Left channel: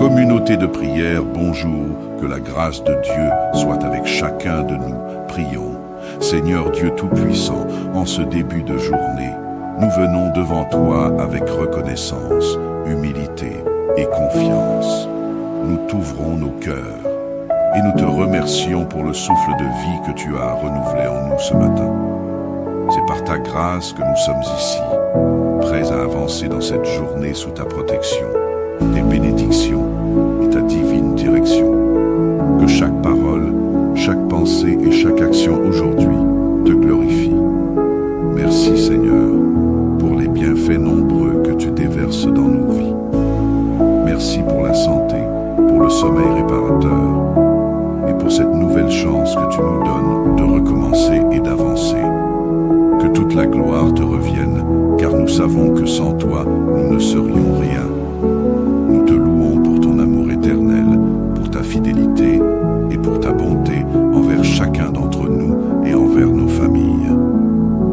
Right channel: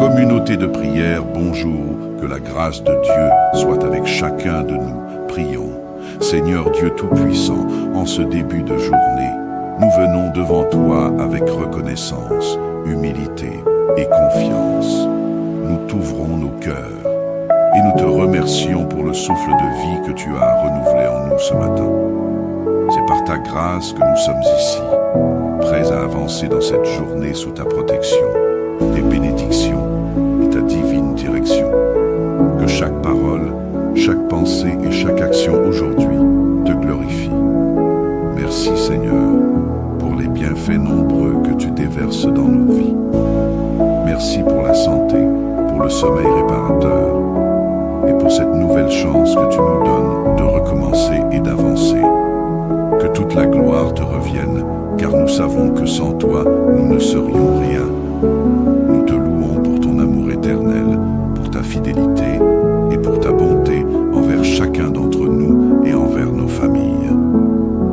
Communauté de prière, bonjour, que la grâce de Dieu soit avec chacun de nous. Prions. Seigneur Dieu Tout-Puissant, en ce début de journée, nous venons devant toi avec reconnaissance, humilité et confiance. Nous t'ouvrons nos cœurs et nous te remercions pour le souffle de vie que tu as renouvelé en nous ce matin. C'est par ta grâce que nous sommes ici, prêts à avancer dans cette journée sous ta protection, tes bénédictions et ta divine direction. Que chaque parole, chaque pensée et chaque action aujourd'hui te glorifie. Merci Seigneur pour les bienfaits nombreux que tu déverses dans nos vies. Merci pour la santé, pour le sommeil réparateur et pour cette nouvelle chance que tu nous donnes de recommencer et d'avancer. Que toute la gloire te revienne, car nous savons que sans toi, nous ne serions rien. Nous te louons pour ton amour éternel, pour ta fidélité et pour ta bonté envers chacun d'entre nous et envers nos familles.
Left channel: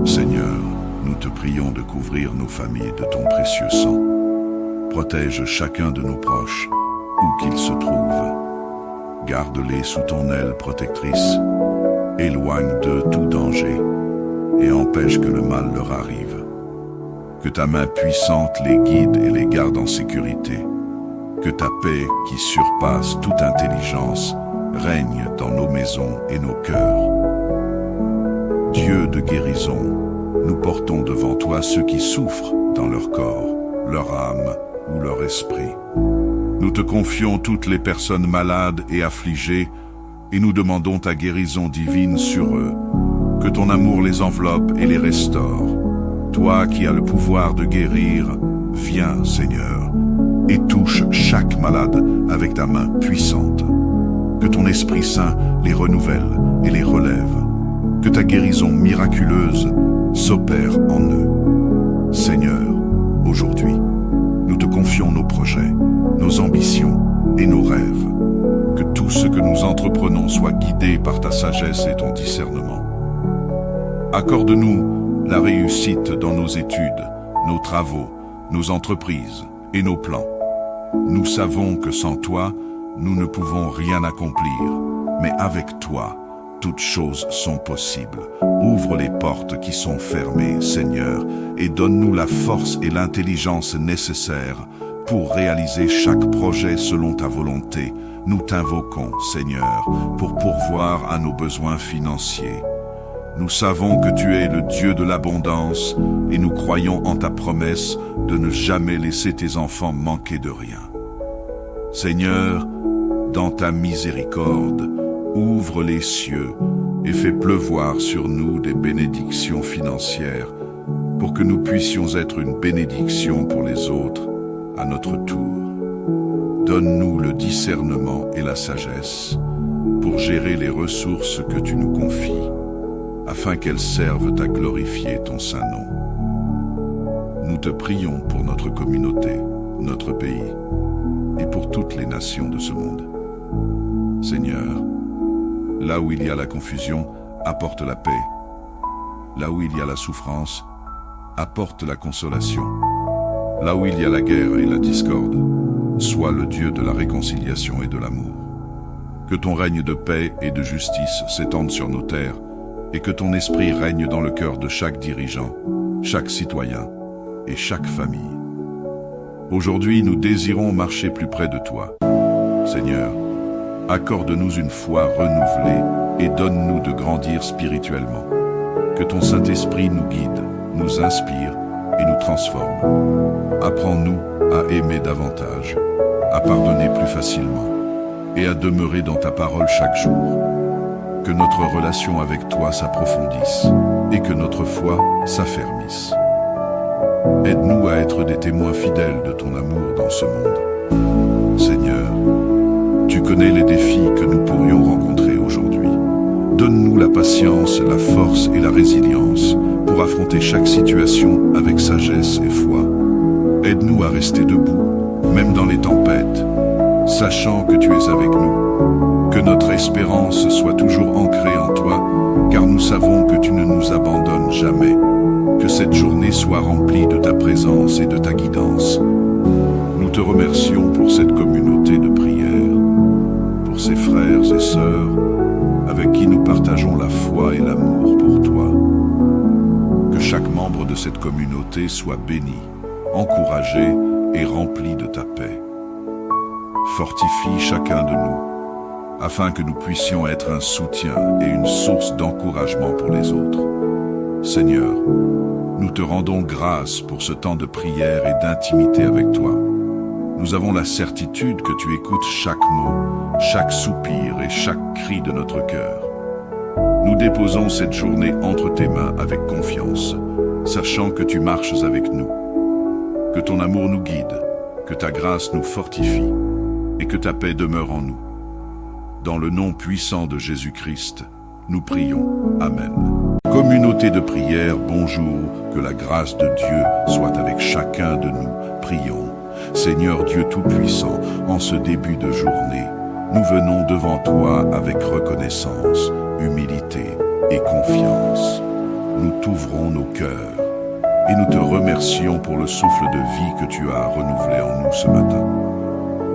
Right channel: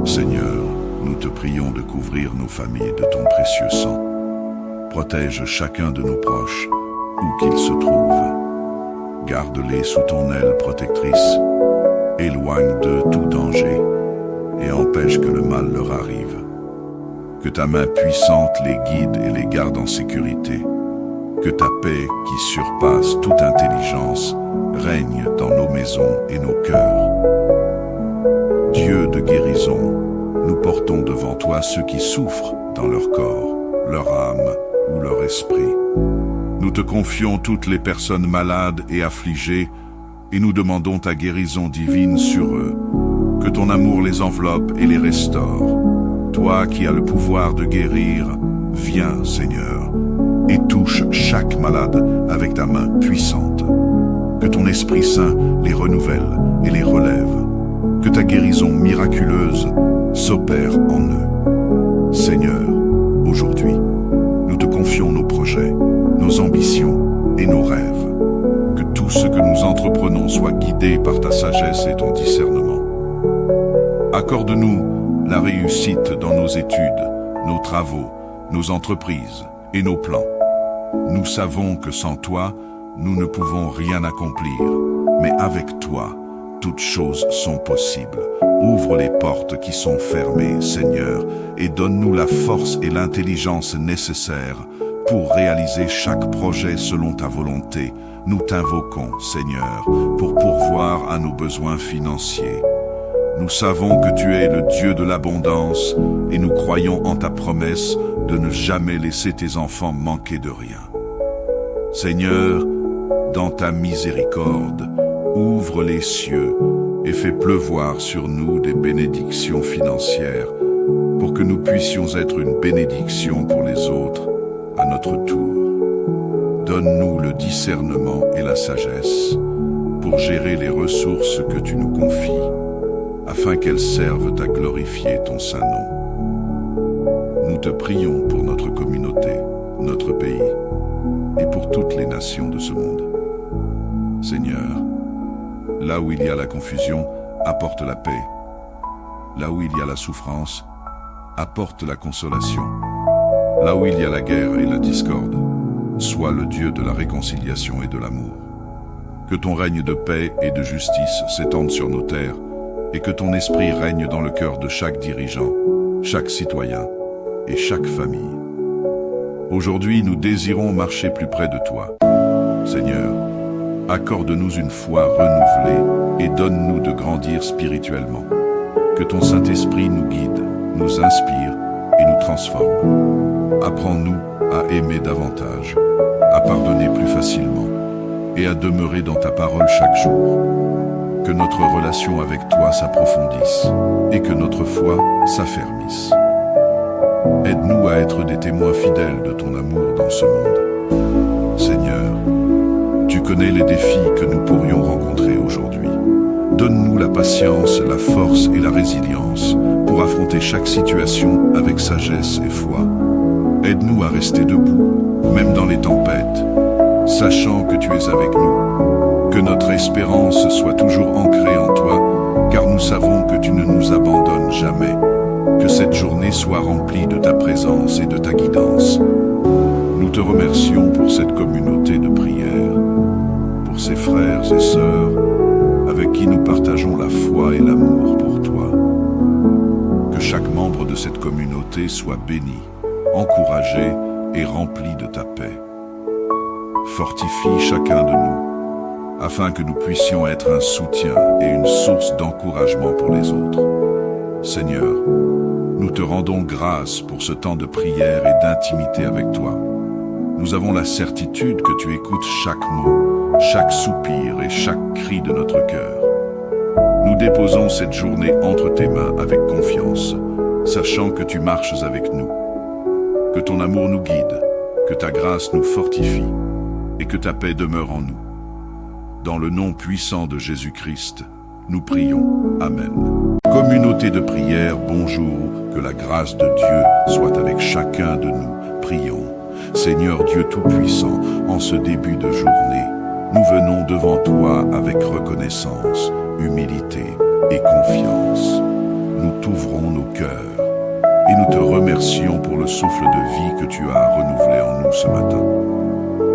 Seigneur, nous te prions de couvrir nos familles de ton précieux sang. Protège chacun de nos proches, où qu'ils se trouvent. Garde-les sous ton aile protectrice. Éloigne d'eux tout danger et empêche que le mal leur arrive. Que ta main puissante les guide et les garde en sécurité. Que ta paix, qui surpasse toute intelligence, règne dans nos maisons et nos cœurs. Dieu de guérison, nous portons devant toi ceux qui souffrent dans leur corps, leur âme ou leur esprit. Nous te confions toutes les personnes malades et affligées et nous demandons ta guérison divine sur eux. Que ton amour les enveloppe et les restaure. Toi qui as le pouvoir de guérir, viens, Seigneur, et touche chaque malade avec ta main puissante. Que ton Esprit Saint les renouvelle et les relève. Que ta guérison miraculeuse s'opère en eux. Seigneur, aujourd'hui, nous te confions nos projets, nos ambitions et nos rêves. Que tout ce que nous entreprenons soit guidé par ta sagesse et ton discernement. Accorde-nous la réussite dans nos études, nos travaux, nos entreprises et nos plans. Nous savons que sans toi, nous ne pouvons rien accomplir, mais avec toi, toutes choses sont possibles. Ouvre les portes qui sont fermées, Seigneur, et donne-nous la force et l'intelligence nécessaires pour réaliser chaque projet selon ta volonté. Nous t'invoquons, Seigneur, pour pourvoir à nos besoins financiers. Nous savons que tu es le Dieu de l'abondance et nous croyons en ta promesse de ne jamais laisser tes enfants manquer de rien. Seigneur, dans ta miséricorde, ouvre les cieux et fais pleuvoir sur nous des bénédictions financières pour que nous puissions être une bénédiction pour les autres à notre tour. Donne-nous le discernement et la sagesse pour gérer les ressources que tu nous confies, afin qu'elles servent à glorifier ton saint nom. Nous te prions pour notre communauté, notre pays, et pour toutes les nations de ce monde. Seigneur, là où il y a la confusion, apporte la paix. Là où il y a la souffrance, apporte la consolation. Là où il y a la guerre et la discorde, sois le Dieu de la réconciliation et de l'amour. Que ton règne de paix et de justice s'étende sur nos terres, et que ton esprit règne dans le cœur de chaque dirigeant, chaque citoyen et chaque famille. Aujourd'hui, nous désirons marcher plus près de toi. Seigneur, accorde-nous une foi renouvelée et donne-nous de grandir spirituellement. Que ton Saint-Esprit nous guide, nous inspire et nous transforme. Apprends-nous à aimer davantage, à pardonner plus facilement et à demeurer dans ta parole chaque jour. Que notre relation avec toi s'approfondisse et que notre foi s'affermisse. Aide-nous à être des témoins fidèles de ton amour dans ce monde. Seigneur, tu connais les défis que nous pourrions rencontrer aujourd'hui. Donne-nous la patience, la force et la résilience pour affronter chaque situation avec sagesse et foi. Aide-nous à rester debout, même dans les tempêtes, sachant que tu es avec nous. Que notre espérance soit toujours ancrée en toi, car nous savons que tu ne nous abandonnes jamais. Que cette journée soit remplie de ta présence et de ta guidance. Nous te remercions pour cette communauté de prière, pour ces frères et sœurs avec qui nous partageons la foi et l'amour pour toi. Que chaque membre de cette communauté soit béni, encouragé et rempli de ta paix. Fortifie chacun de nous, afin que nous puissions être un soutien et une source d'encouragement pour les autres. Seigneur, nous te rendons grâce pour ce temps de prière et d'intimité avec toi. Nous avons la certitude que tu écoutes chaque mot, chaque soupir et chaque cri de notre cœur. Nous déposons cette journée entre tes mains avec confiance, sachant que tu marches avec nous. Que ton amour nous guide, que ta grâce nous fortifie et que ta paix demeure en nous. Dans le nom puissant de Jésus-Christ, nous prions. Amen. Communauté de prière, bonjour, que la grâce de Dieu soit avec chacun de nous. Prions. Seigneur Dieu Tout-Puissant, en ce début de journée, nous venons devant toi avec reconnaissance, humilité et confiance. Nous t'ouvrons nos cœurs et nous te remercions pour le souffle de vie que tu as renouvelé en nous ce matin.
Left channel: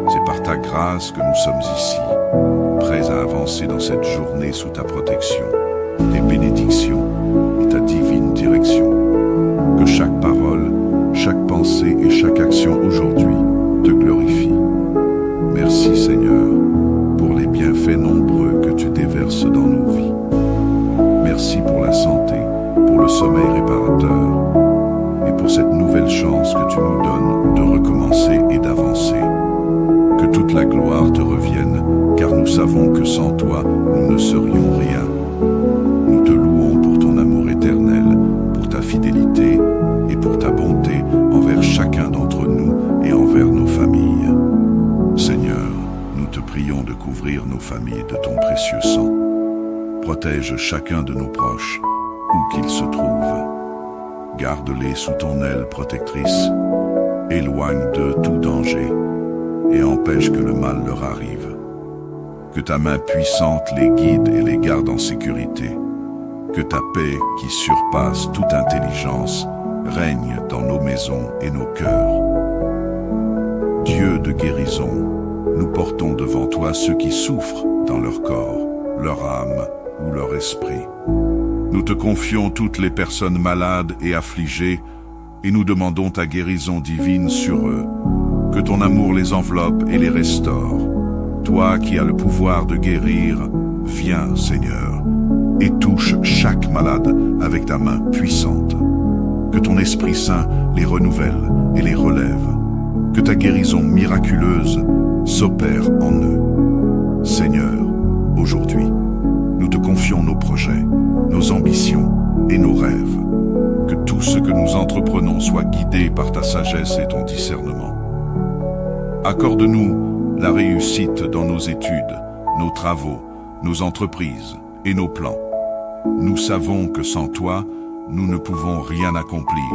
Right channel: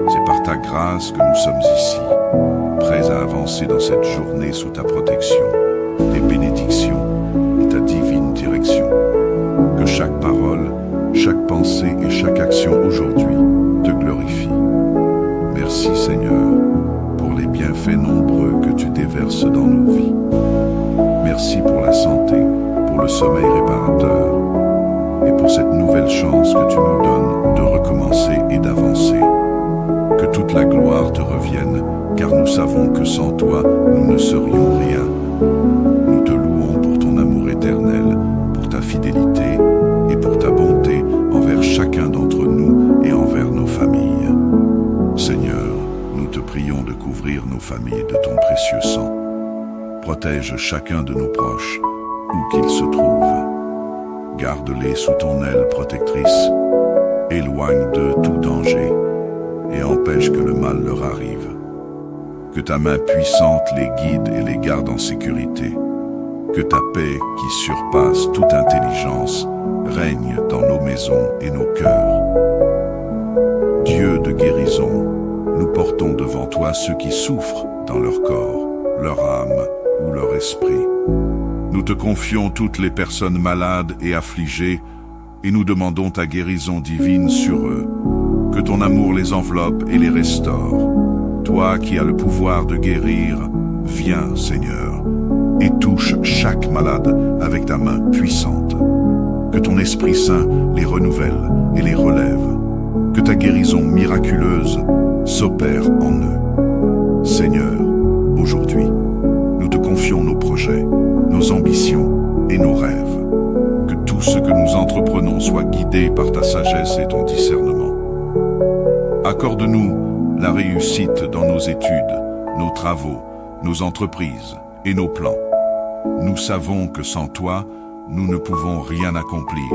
C'est par ta grâce que nous sommes ici, prêts à avancer dans cette journée sous ta protection, tes bénédictions et ta divine direction. Que chaque parole, chaque pensée et chaque action aujourd'hui te glorifie. Merci Seigneur pour les bienfaits nombreux que tu déverses dans nos vies. Merci pour la santé, pour le sommeil réparateur et pour cette nouvelle chance que tu nous donnes de recommencer et d'avancer. Que toute la gloire te revienne, car nous savons que sans toi, nous ne serions rien. Nous te louons pour ton amour éternel, pour ta fidélité et pour ta bonté envers chacun d'entre nous et envers nos familles. Seigneur, nous te prions de couvrir nos familles de ton précieux sang. Protège chacun de nos proches, où qu'ils se trouvent. Garde-les sous ton aile protectrice. Éloigne d'eux tout danger et empêche que le mal leur arrive. Que ta main puissante les guide et les garde en sécurité. Que ta paix, qui surpasse toute intelligence, règne dans nos maisons et nos cœurs. Dieu de guérison, nous portons devant toi ceux qui souffrent dans leur corps, leur âme ou leur esprit. Nous te confions toutes les personnes malades et affligées et nous demandons ta guérison divine sur eux. Que ton amour les enveloppe et les restaure. Toi qui as le pouvoir de guérir, viens, Seigneur, et touche chaque malade avec ta main puissante. Que ton Esprit Saint les renouvelle et les relève. Que ta guérison miraculeuse s'opère en eux. Seigneur, aujourd'hui, nous te confions nos projets, nos ambitions et nos rêves. Que tout ce que nous entreprenons soit guidé par ta sagesse et ton discernement. Accorde-nous la réussite dans nos études, nos travaux, nos entreprises et nos plans. Nous savons que sans toi, nous ne pouvons rien accomplir,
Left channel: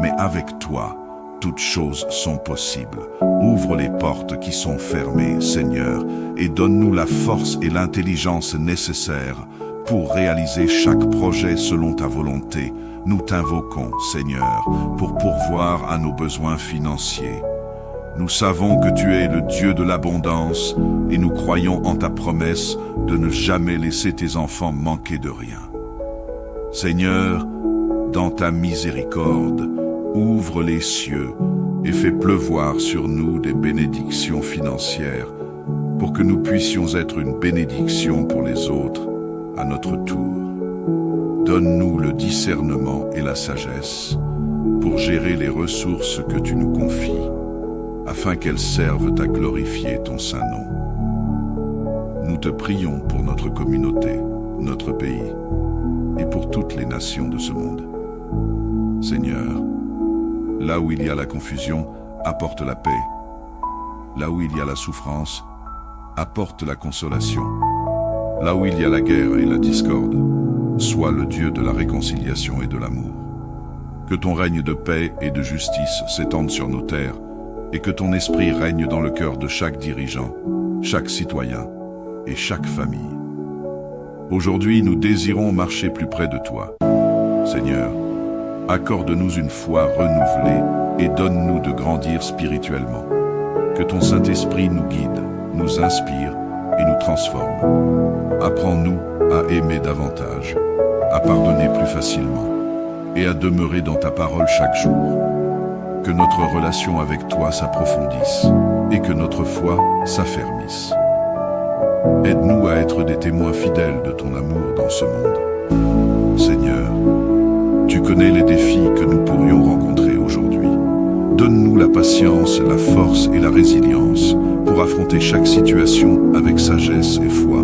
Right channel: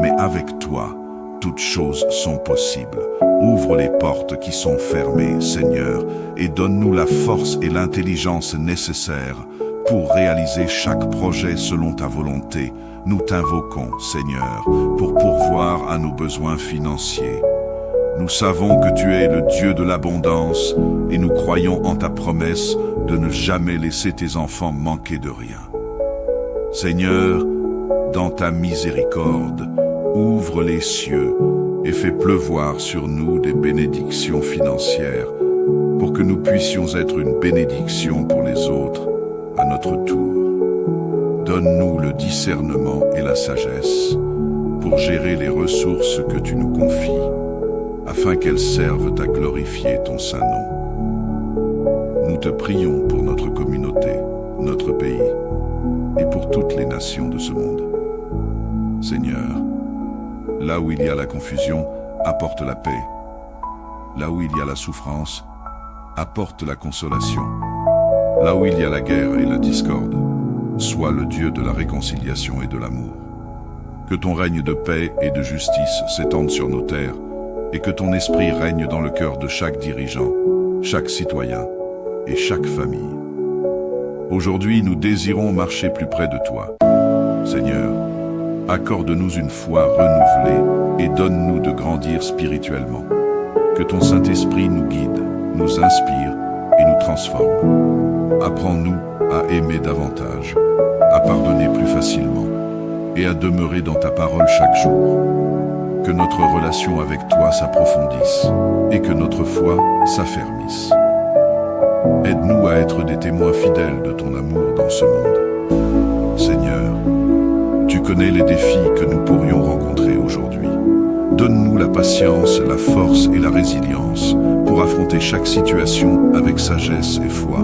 mais avec toi, toutes choses sont possibles. Ouvre les portes qui sont fermées, Seigneur, et donne-nous la force et l'intelligence nécessaires pour réaliser chaque projet selon ta volonté. Nous t'invoquons, Seigneur, pour pourvoir à nos besoins financiers. Nous savons que tu es le Dieu de l'abondance et nous croyons en ta promesse de ne jamais laisser tes enfants manquer de rien. Seigneur, dans ta miséricorde, ouvre les cieux et fais pleuvoir sur nous des bénédictions financières pour que nous puissions être une bénédiction pour les autres à notre tour. Donne-nous le discernement et la sagesse pour gérer les ressources que tu nous confies, afin qu'elles servent à glorifier ton saint nom. Nous te prions pour notre communauté, notre pays, et pour toutes les nations de ce monde. Seigneur, là où il y a la confusion, apporte la paix. Là où il y a la souffrance, apporte la consolation. Là où il y a la guerre et la discorde, sois le Dieu de la réconciliation et de l'amour. Que ton règne de paix et de justice s'étende sur nos terres, et que ton esprit règne dans le cœur de chaque dirigeant, chaque citoyen et chaque famille. Aujourd'hui, nous désirons marcher plus près de toi. Seigneur, accorde-nous une foi renouvelée et donne-nous de grandir spirituellement. Que ton Saint-Esprit nous guide, nous inspire et nous transforme. Apprends-nous à aimer davantage, à pardonner plus facilement et à demeurer dans ta parole chaque jour. Que notre relation avec toi s'approfondisse et que notre foi s'affermisse. Aide-nous à être des témoins fidèles de ton amour dans ce monde. Seigneur, tu connais les défis que nous pourrions rencontrer aujourd'hui. Donne-nous la patience, la force et la résilience pour affronter chaque situation avec sagesse et foi.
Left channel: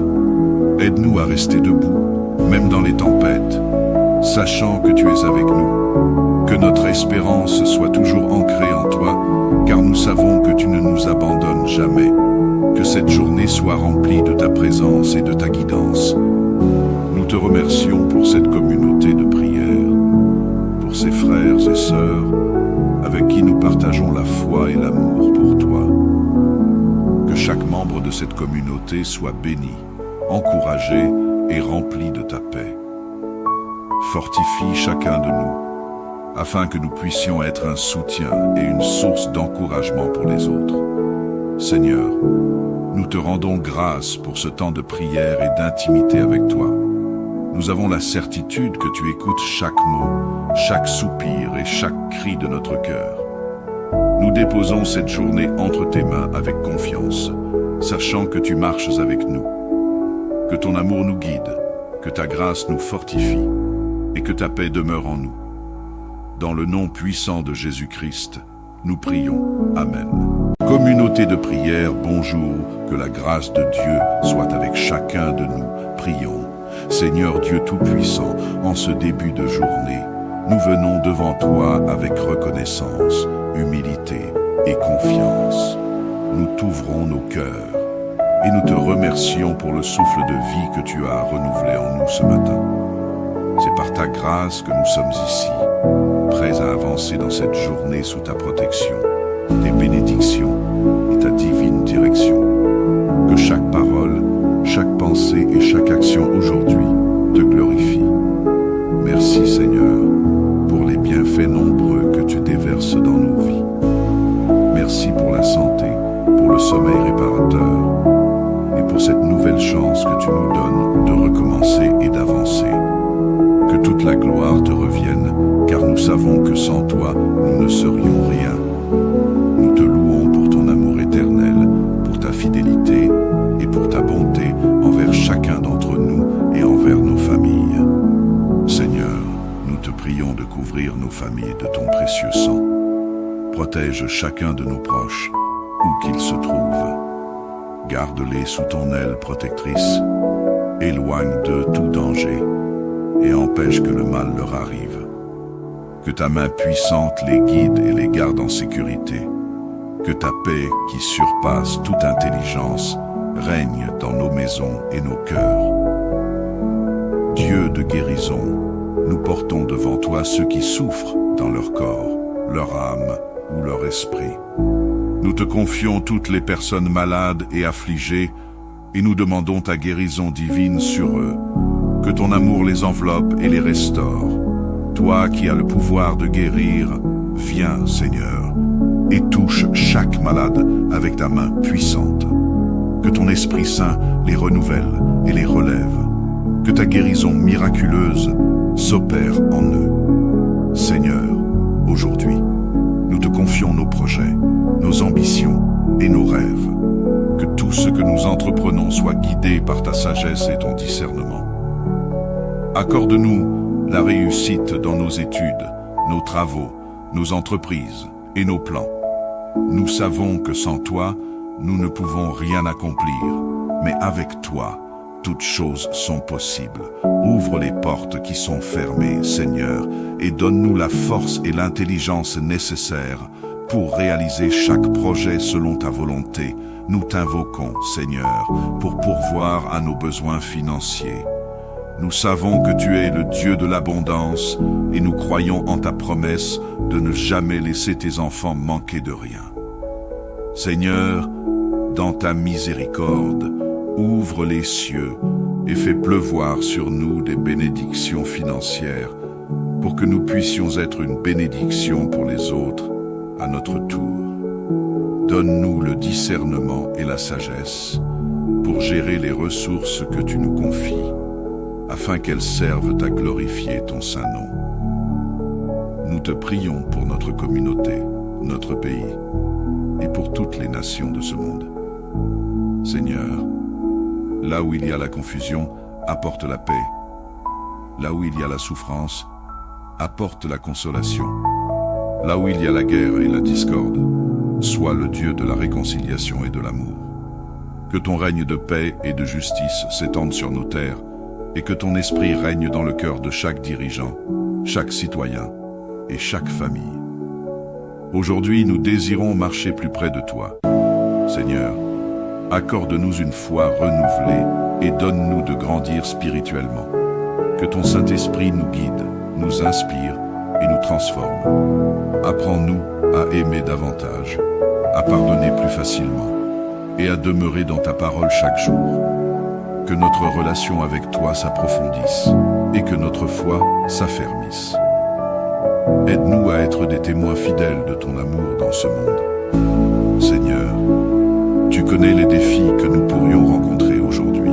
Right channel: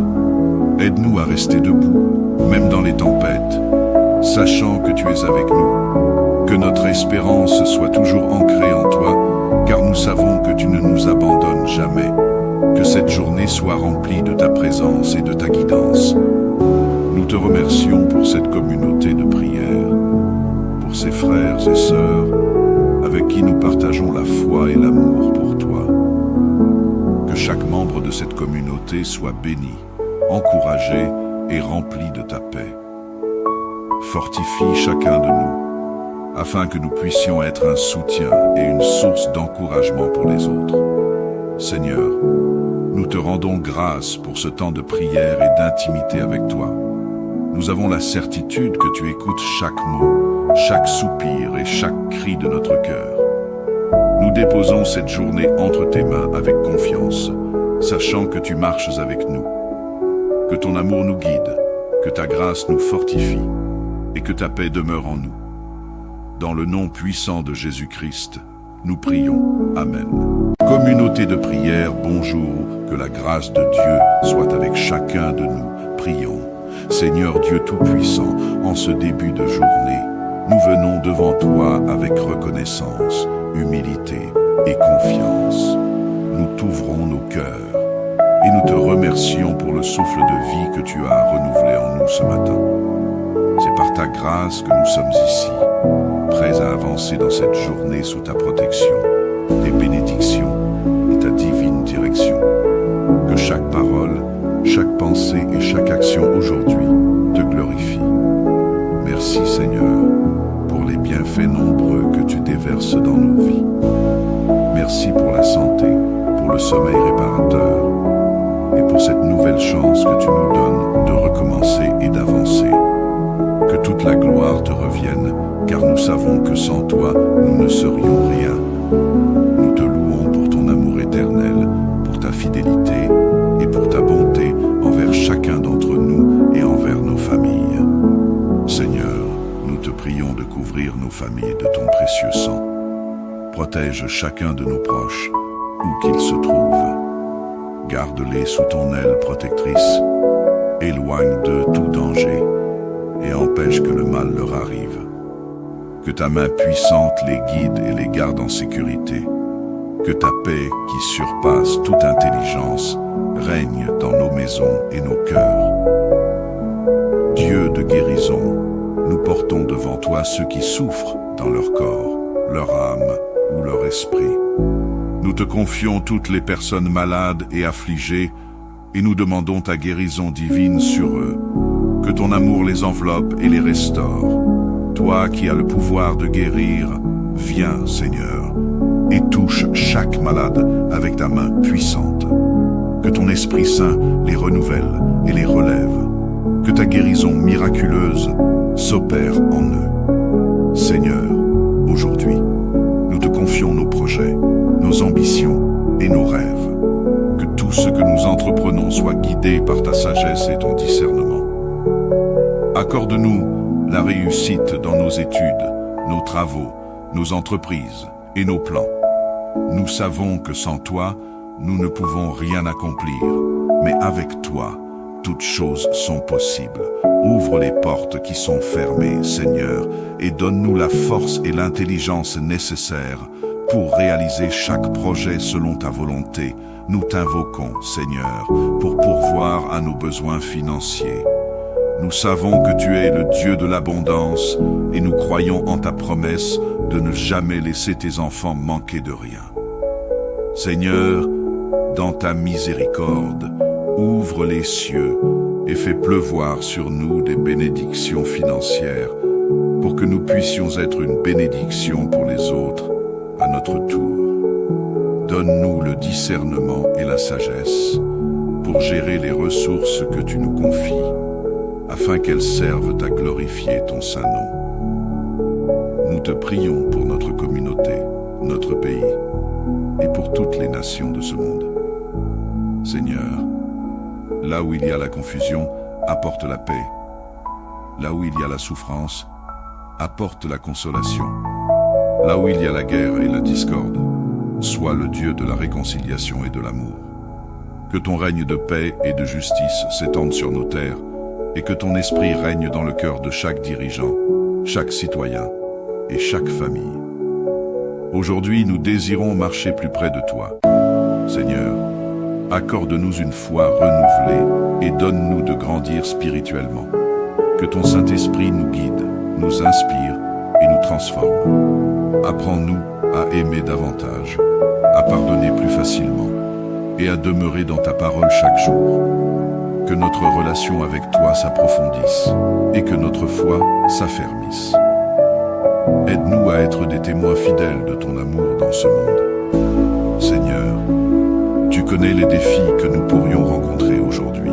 Aide-nous à rester debout, même dans les tempêtes, sachant que tu es avec nous. Que notre espérance soit toujours ancrée en toi, car nous savons que tu ne nous abandonnes jamais. Que cette journée soit remplie de ta présence et de ta guidance. Nous te remercions pour cette communauté de prière, pour ces frères et sœurs avec qui nous partageons la foi et l'amour pour toi. Que chaque membre de cette communauté soit béni, encouragé et rempli de ta paix. Fortifie chacun de nous, afin que nous puissions être un soutien et une source d'encouragement pour les autres. Seigneur, nous te rendons grâce pour ce temps de prière et d'intimité avec toi. Nous avons la certitude que tu écoutes chaque mot, chaque soupir et chaque cri de notre cœur. Nous déposons cette journée entre tes mains avec confiance, sachant que tu marches avec nous. Que ton amour nous guide, que ta grâce nous fortifie et que ta paix demeure en nous. Dans le nom puissant de Jésus-Christ, nous prions. Amen. Communauté de prière, bonjour, que la grâce de Dieu soit avec chacun de nous. Prions. Seigneur Dieu Tout-Puissant, en ce début de journée, nous venons devant toi avec reconnaissance, humilité et confiance. Nous t'ouvrons nos cœurs et nous te remercions pour le souffle de vie que tu as renouvelé en nous ce matin. C'est par ta grâce que nous sommes ici, prêts à avancer dans cette journée sous ta protection, tes bénédictions et ta divine direction. Que chaque parole, chaque pensée et chaque action aujourd'hui te glorifie. Merci Seigneur pour les bienfaits nombreux que tu déverses dans nos vies. Merci pour la santé, pour le sommeil réparateur et pour cette nouvelle chance que tu nous donnes de recommencer et d'avancer. Que toute la gloire te revienne, car nous savons que sans toi, nous ne serions rien. Nous te louons pour ton amour éternel, pour ta fidélité et pour ta bonté envers chacun d'entre nous et envers nos familles. Seigneur, nous te prions de couvrir nos familles de ton précieux sang. Protège chacun de nos proches, où qu'ils se trouvent. Garde-les sous ton aile protectrice, éloigne d'eux tout danger et empêche que le mal leur arrive. Que ta main puissante les guide et les garde en sécurité. Que ta paix, qui surpasse toute intelligence, règne dans nos maisons et nos cœurs. Dieu de guérison, nous portons devant toi ceux qui souffrent dans leur corps, leur âme ou leur esprit. Nous te confions toutes les personnes malades et affligées et nous demandons ta guérison divine sur eux. Que ton amour les enveloppe et les restaure. Toi qui as le pouvoir de guérir, viens, Seigneur, et touche chaque malade avec ta main puissante. Que ton Esprit Saint les renouvelle et les relève. Que ta guérison miraculeuse s'opère en eux. Seigneur, aujourd'hui, nous te confions nos projets, nos ambitions et nos rêves. Que tout ce que nous entreprenons soit guidé par ta sagesse et ton discernement. Accorde-nous la réussite dans nos études, nos travaux, nos entreprises et nos plans. Nous savons que sans toi, nous ne pouvons rien accomplir, mais avec toi, toutes choses sont possibles. Ouvre les portes qui sont fermées, Seigneur, et donne-nous la force et l'intelligence nécessaires pour réaliser chaque projet selon ta volonté. Nous t'invoquons, Seigneur, pour pourvoir à nos besoins financiers. Nous savons que tu es le Dieu de l'abondance et nous croyons en ta promesse de ne jamais laisser tes enfants manquer de rien. Seigneur, dans ta miséricorde, ouvre les cieux et fais pleuvoir sur nous des bénédictions financières pour que nous puissions être une bénédiction pour les autres à notre tour. Donne-nous le discernement et la sagesse pour gérer les ressources que tu nous confies, afin qu'elles servent à glorifier ton saint nom. Nous te prions pour notre communauté, notre pays, et pour toutes les nations de ce monde. Seigneur, là où il y a la confusion, apporte la paix. Là où il y a la souffrance, apporte la consolation. Là où il y a la guerre et la discorde, sois le Dieu de la réconciliation et de l'amour. Que ton règne de paix et de justice s'étende sur nos terres, et que ton esprit règne dans le cœur de chaque dirigeant, chaque citoyen et chaque famille. Aujourd'hui, nous désirons marcher plus près de toi. Seigneur, accorde-nous une foi renouvelée et donne-nous de grandir spirituellement. Que ton Saint-Esprit nous guide, nous inspire et nous transforme. Apprends-nous à aimer davantage, à pardonner plus facilement et à demeurer dans ta parole chaque jour. Que notre relation avec toi s'approfondisse et que notre foi s'affermisse. Aide-nous à être des témoins fidèles de ton amour dans ce monde. Seigneur, tu connais les défis que nous pourrions rencontrer aujourd'hui.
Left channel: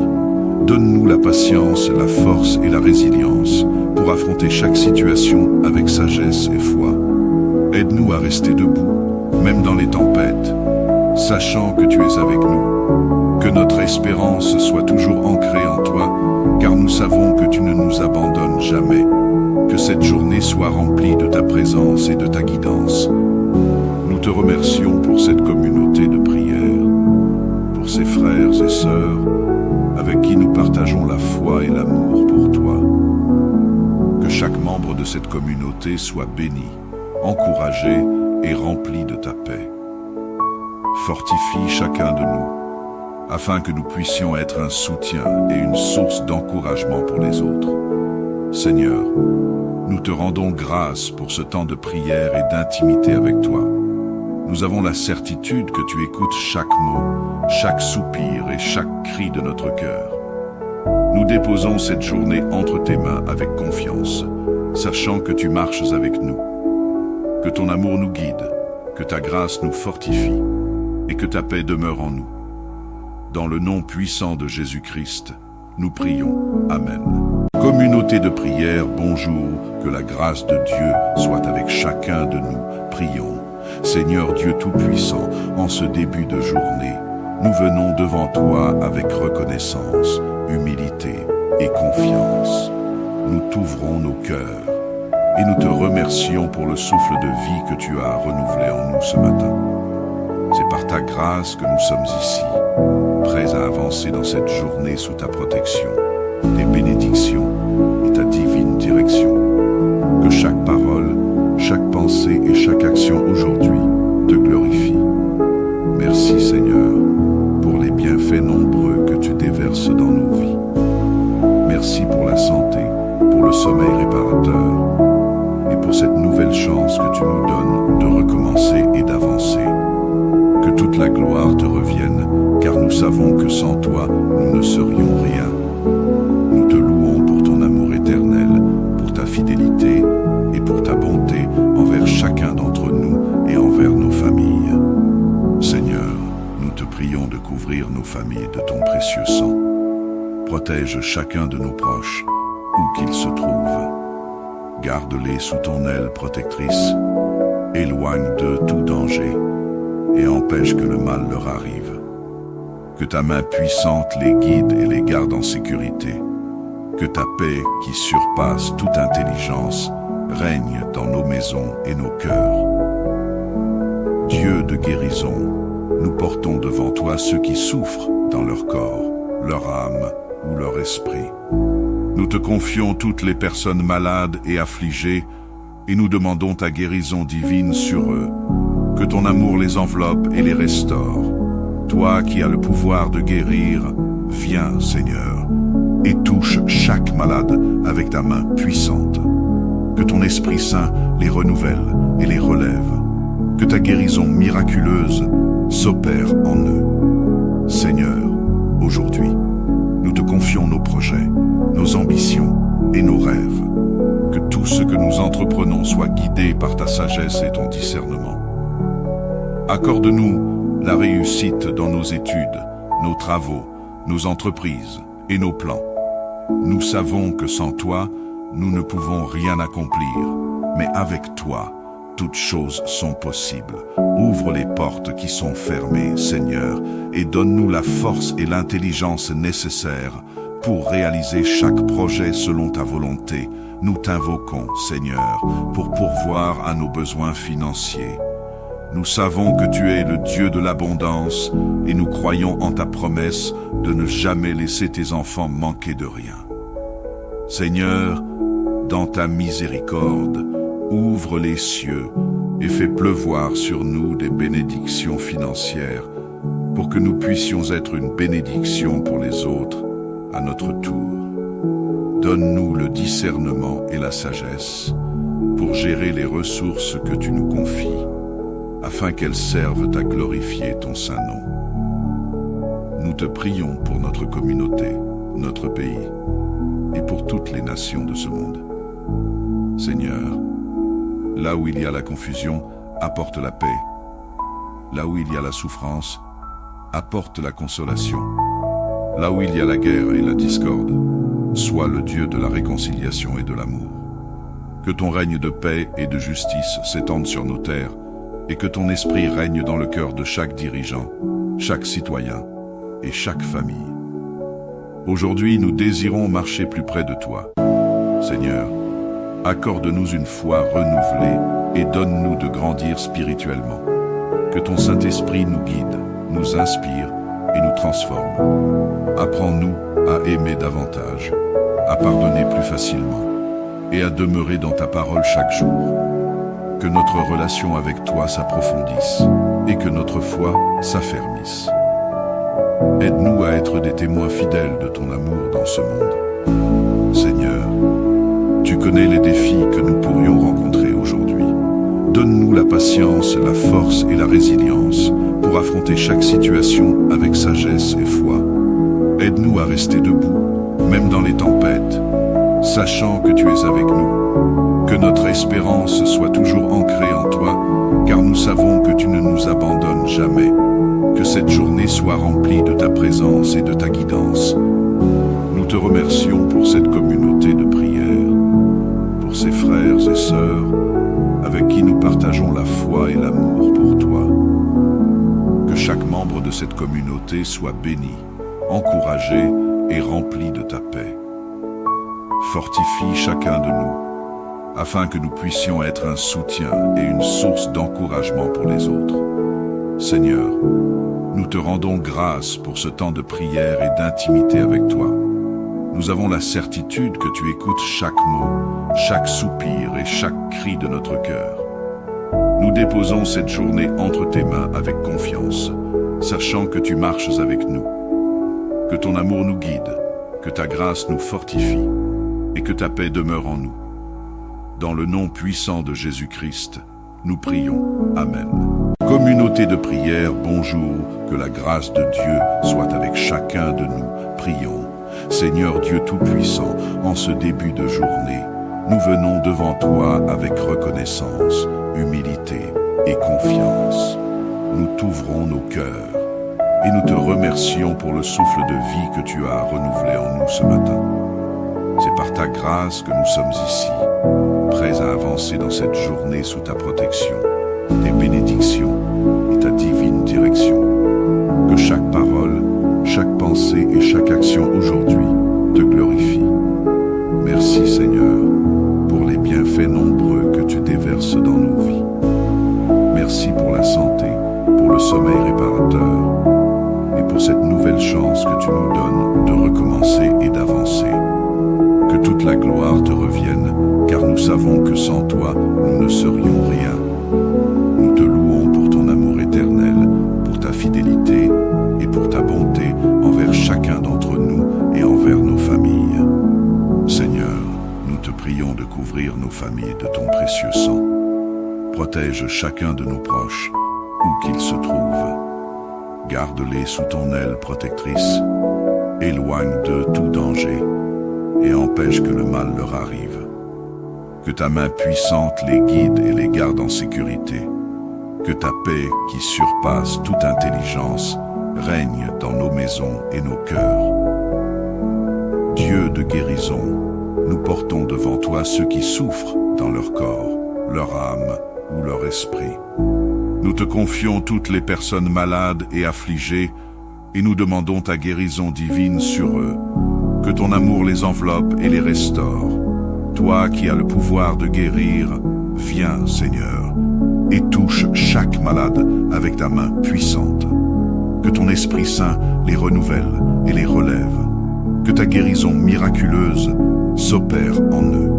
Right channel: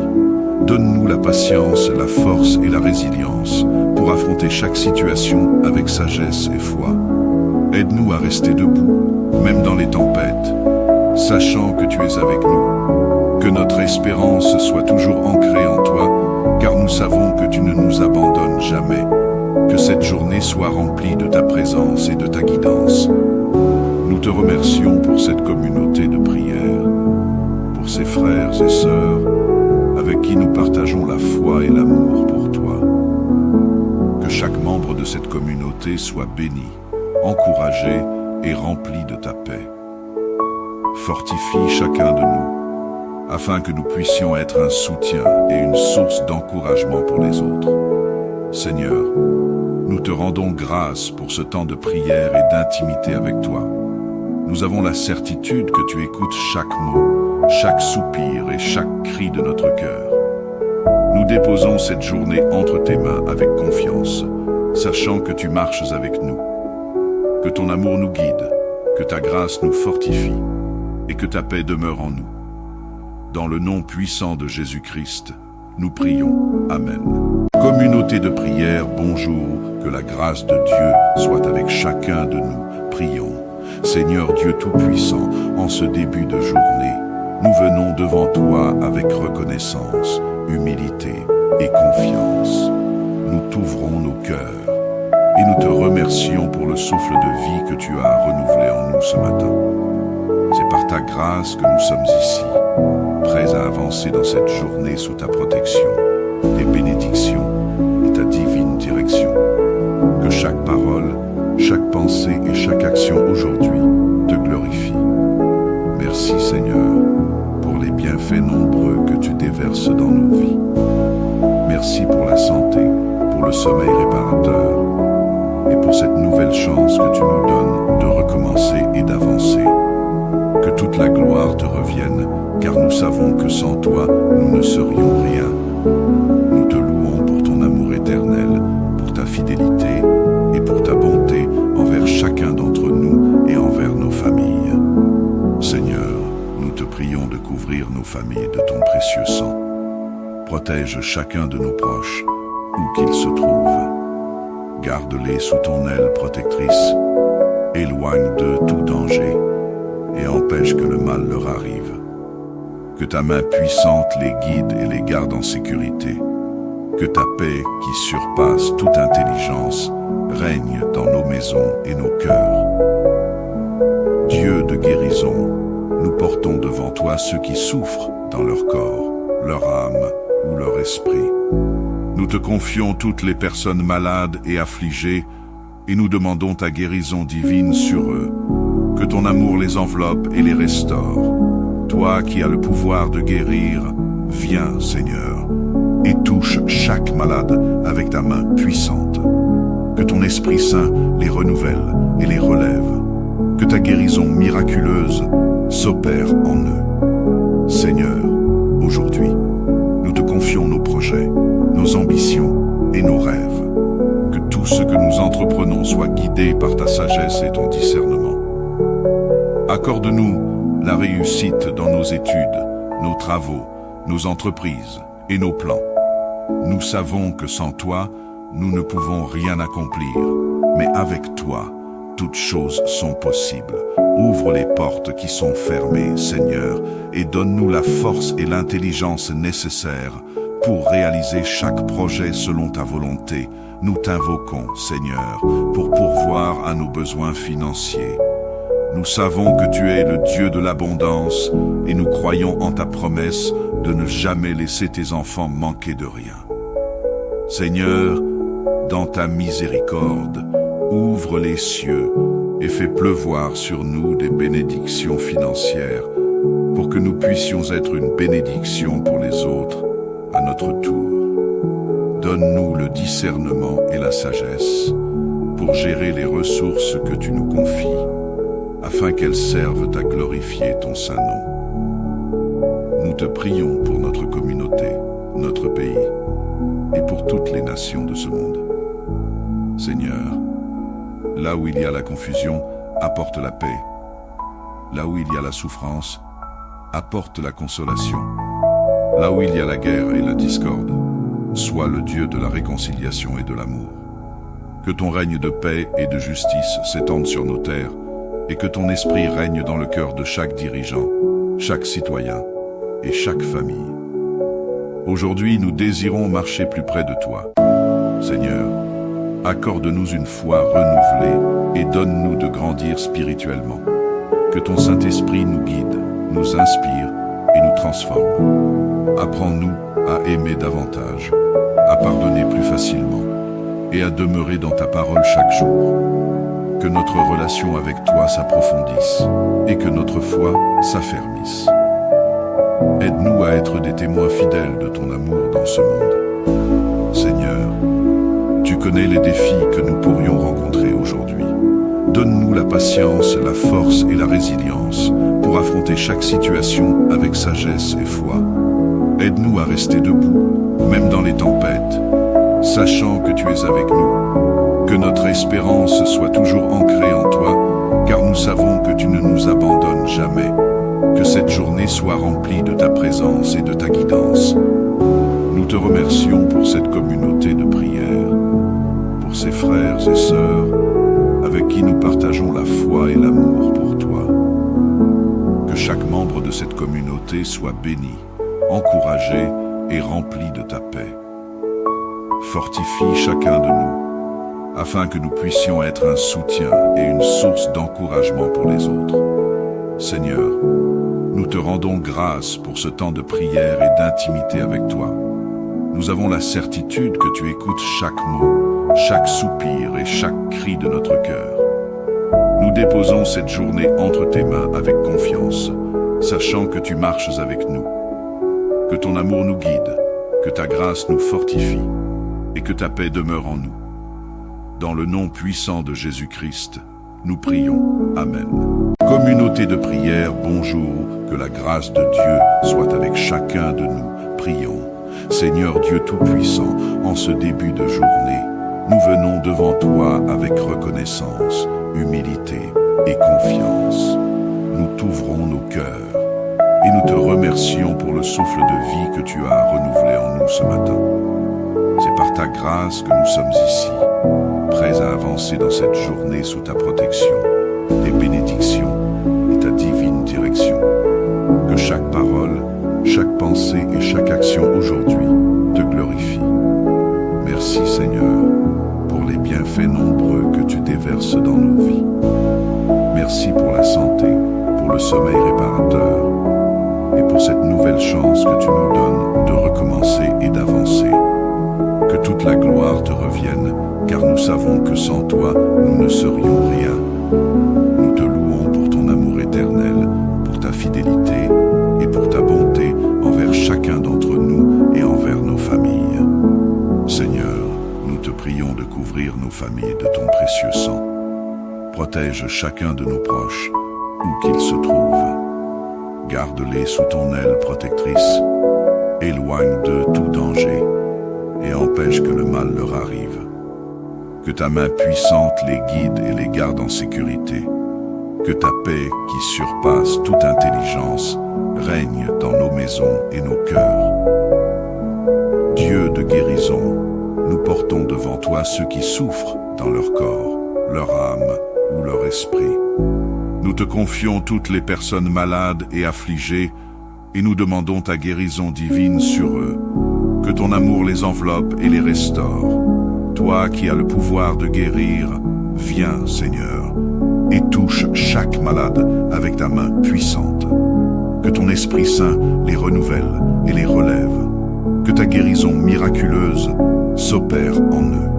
Donne-nous la patience, la force et la résilience pour affronter chaque situation avec sagesse et foi. Aide-nous à rester debout, même dans les tempêtes, sachant que tu es avec nous. Que notre espérance soit toujours ancrée en toi, car nous savons que tu ne nous abandonnes jamais. Que cette journée soit remplie de ta présence et de ta guidance. Nous te remercions pour cette communauté de prière, pour ces frères et sœurs avec qui nous partageons la foi et l'amour pour toi. Que chaque membre de cette communauté soit béni, encouragé et rempli de ta paix. Fortifie chacun de nous, afin que nous puissions être un soutien et une source d'encouragement pour les autres. Seigneur, nous te rendons grâce pour ce temps de prière et d'intimité avec toi. Nous avons la certitude que tu écoutes chaque mot, chaque soupir et chaque cri de notre cœur. Nous déposons cette journée entre tes mains avec confiance, sachant que tu marches avec nous. Que ton amour nous guide, que ta grâce nous fortifie et que ta paix demeure en nous. Dans le nom puissant de Jésus-Christ, nous prions. Amen. Communauté de prière, bonjour, que la grâce de Dieu soit avec chacun de nous. Prions. Seigneur Dieu Tout-Puissant, en ce début de journée, nous venons devant toi avec reconnaissance, humilité et confiance. Nous t'ouvrons nos cœurs et nous te remercions pour le souffle de vie que tu as renouvelé en nous ce matin. C'est par ta grâce que nous sommes ici, prêts à avancer dans cette journée sous ta protection, tes bénédictions et ta divine direction. Que chaque parole, chaque pensée et chaque action aujourd'hui te glorifie. Merci Seigneur pour les bienfaits nombreux que tu déverses dans nos vies. Merci pour la santé, pour le sommeil réparateur et pour cette nouvelle chance que tu nous donnes de recommencer et d'avancer. Que toute la gloire te revienne, car nous savons que sans toi, nous ne serions rien. Nous te louons pour ton amour éternel, pour ta fidélité et pour ta bonté envers chacun d'entre nous et envers nos familles. Seigneur, nous te prions de couvrir nos familles de ton précieux sang. Protège chacun de nos proches, où qu'ils se trouvent. Garde-les sous ton aile protectrice. Éloigne d'eux tout danger et empêche que le mal leur arrive. Que ta main puissante les guide et les garde en sécurité. Que ta paix, qui surpasse toute intelligence, règne dans nos maisons et nos cœurs. Dieu de guérison, nous portons devant toi ceux qui souffrent dans leur corps, leur âme ou leur esprit. Nous te confions toutes les personnes malades et affligées et nous demandons ta guérison divine sur eux. Que ton amour les enveloppe et les restaure. Toi qui as le pouvoir de guérir, viens, Seigneur, et touche chaque malade avec ta main puissante. Que ton Esprit Saint les renouvelle et les relève. Que ta guérison miraculeuse s'opère en eux. Seigneur, aujourd'hui, nous te confions nos projets, nos ambitions et nos rêves. Que tout ce que nous entreprenons soit guidé par ta sagesse et ton discernement. Accorde-nous la réussite dans nos études, nos travaux, nos entreprises et nos plans. Nous savons que sans toi, nous ne pouvons rien accomplir, mais avec toi, toutes choses sont possibles. Ouvre les portes qui sont fermées, Seigneur, et donne-nous la force et l'intelligence nécessaires pour réaliser chaque projet selon ta volonté. Nous t'invoquons, Seigneur, pour pourvoir à nos besoins financiers. Nous savons que tu es le Dieu de l'abondance et nous croyons en ta promesse de ne jamais laisser tes enfants manquer de rien. Seigneur, dans ta miséricorde, ouvre les cieux et fais pleuvoir sur nous des bénédictions financières pour que nous puissions être une bénédiction pour les autres à notre tour. Donne-nous le discernement et la sagesse pour gérer les ressources que tu nous confies, afin qu'elles servent à glorifier ton saint nom. Nous te prions pour notre communauté, notre pays, et pour toutes les nations de ce monde. Seigneur, là où il y a la confusion, apporte la paix. Là où il y a la souffrance, apporte la consolation. Là où il y a la guerre et la discorde, sois le Dieu de la réconciliation et de l'amour. Que ton règne de paix et de justice s'étende sur nos terres, et que ton esprit règne dans le cœur de chaque dirigeant, chaque citoyen et chaque famille. Aujourd'hui, nous désirons marcher plus près de toi. Seigneur, accorde-nous une foi renouvelée et donne-nous de grandir spirituellement. Que ton Saint-Esprit nous guide, nous inspire et nous transforme. Apprends-nous à aimer davantage, à pardonner plus facilement et à demeurer dans ta parole chaque jour. Que notre relation avec toi s'approfondisse et que notre foi s'affermisse. Aide-nous à être des témoins fidèles de ton amour dans ce monde. Seigneur, tu connais les défis que nous pourrions rencontrer aujourd'hui. Donne-nous la patience, la force et la résilience pour affronter chaque situation avec sagesse et foi. Aide-nous à rester debout, même dans les tempêtes, sachant que tu es avec nous. Que notre espérance soit toujours ancrée en toi, car nous savons que tu ne nous abandonnes jamais. Que cette journée soit remplie de ta présence et de ta guidance. Nous te remercions pour cette communauté de prière, pour ces frères et sœurs avec qui nous partageons la foi et l'amour pour toi. Que chaque membre de cette communauté soit béni, encouragé et rempli de ta paix. Fortifie chacun de nous, afin que nous puissions être un soutien et une source d'encouragement pour les autres. Seigneur, nous te rendons grâce pour ce temps de prière et d'intimité avec toi. Nous avons la certitude que tu écoutes chaque mot, chaque soupir et chaque cri de notre cœur. Nous déposons cette journée entre tes mains avec confiance, sachant que tu marches avec nous. Que ton amour nous guide, que ta grâce nous fortifie et que ta paix demeure en nous. Dans le nom puissant de Jésus-Christ, nous prions. Amen. Communauté de prière, bonjour, que la grâce de Dieu soit avec chacun de nous. Prions. Seigneur Dieu Tout-Puissant, en ce début de journée, nous venons devant toi avec reconnaissance, humilité et confiance. Nous t'ouvrons nos cœurs et nous te remercions pour le souffle de vie que tu as renouvelé en nous ce matin. C'est par ta grâce que nous sommes ici, prêts à avancer dans cette journée sous ta protection, tes bénédictions et ta divine direction. Que chaque parole, chaque pensée et chaque action aujourd'hui te glorifie. Merci Seigneur pour les bienfaits nombreux que tu déverses dans nos vies. Merci pour la santé, pour le sommeil réparateur et pour cette nouvelle chance que tu nous donnes de recommencer et d'avancer. Que toute la gloire te revienne, car nous savons que sans toi, nous ne serions rien. Nous te louons pour ton amour éternel, pour ta fidélité et pour ta bonté envers chacun d'entre nous et envers nos familles. Seigneur, nous te prions de couvrir nos familles de ton précieux sang. Protège chacun de nos proches, où qu'ils se trouvent. Garde-les sous ton aile protectrice. Éloigne d'eux tout danger et empêche que le mal leur arrive. Que ta main puissante les guide et les garde en sécurité. Que ta paix, qui surpasse toute intelligence, règne dans nos maisons et nos cœurs. Dieu de guérison, nous portons devant toi ceux qui souffrent dans leur corps, leur âme ou leur esprit. Nous te confions toutes les personnes malades et affligées et nous demandons ta guérison divine sur eux. Que ton amour les enveloppe et les restaure. Toi qui as le pouvoir de guérir, viens, Seigneur, et touche chaque malade avec ta main puissante. Que ton Esprit Saint les renouvelle et les relève. Que ta guérison miraculeuse s'opère en eux.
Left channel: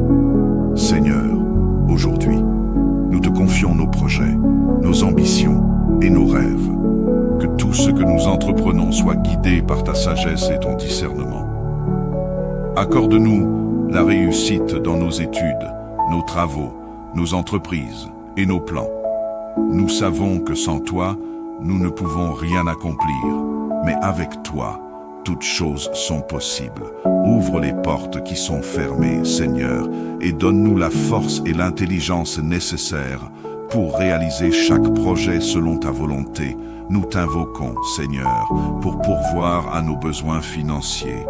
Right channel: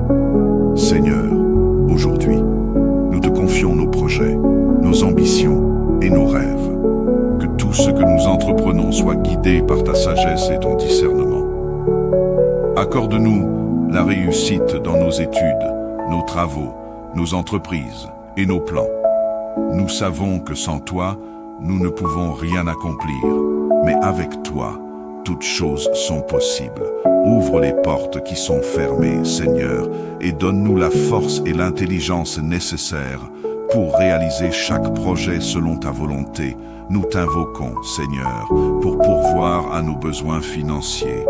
Seigneur, aujourd'hui, nous te confions nos projets, nos ambitions et nos rêves. Que tout ce que nous entreprenons soit guidé par ta sagesse et ton discernement. Accorde-nous la réussite dans nos études, nos travaux, nos entreprises et nos plans. Nous savons que sans toi, nous ne pouvons rien accomplir, mais avec toi, toutes choses sont possibles. Ouvre les portes qui sont fermées, Seigneur, et donne-nous la force et l'intelligence nécessaires pour réaliser chaque projet selon ta volonté. Nous t'invoquons, Seigneur, pour pourvoir à nos besoins financiers.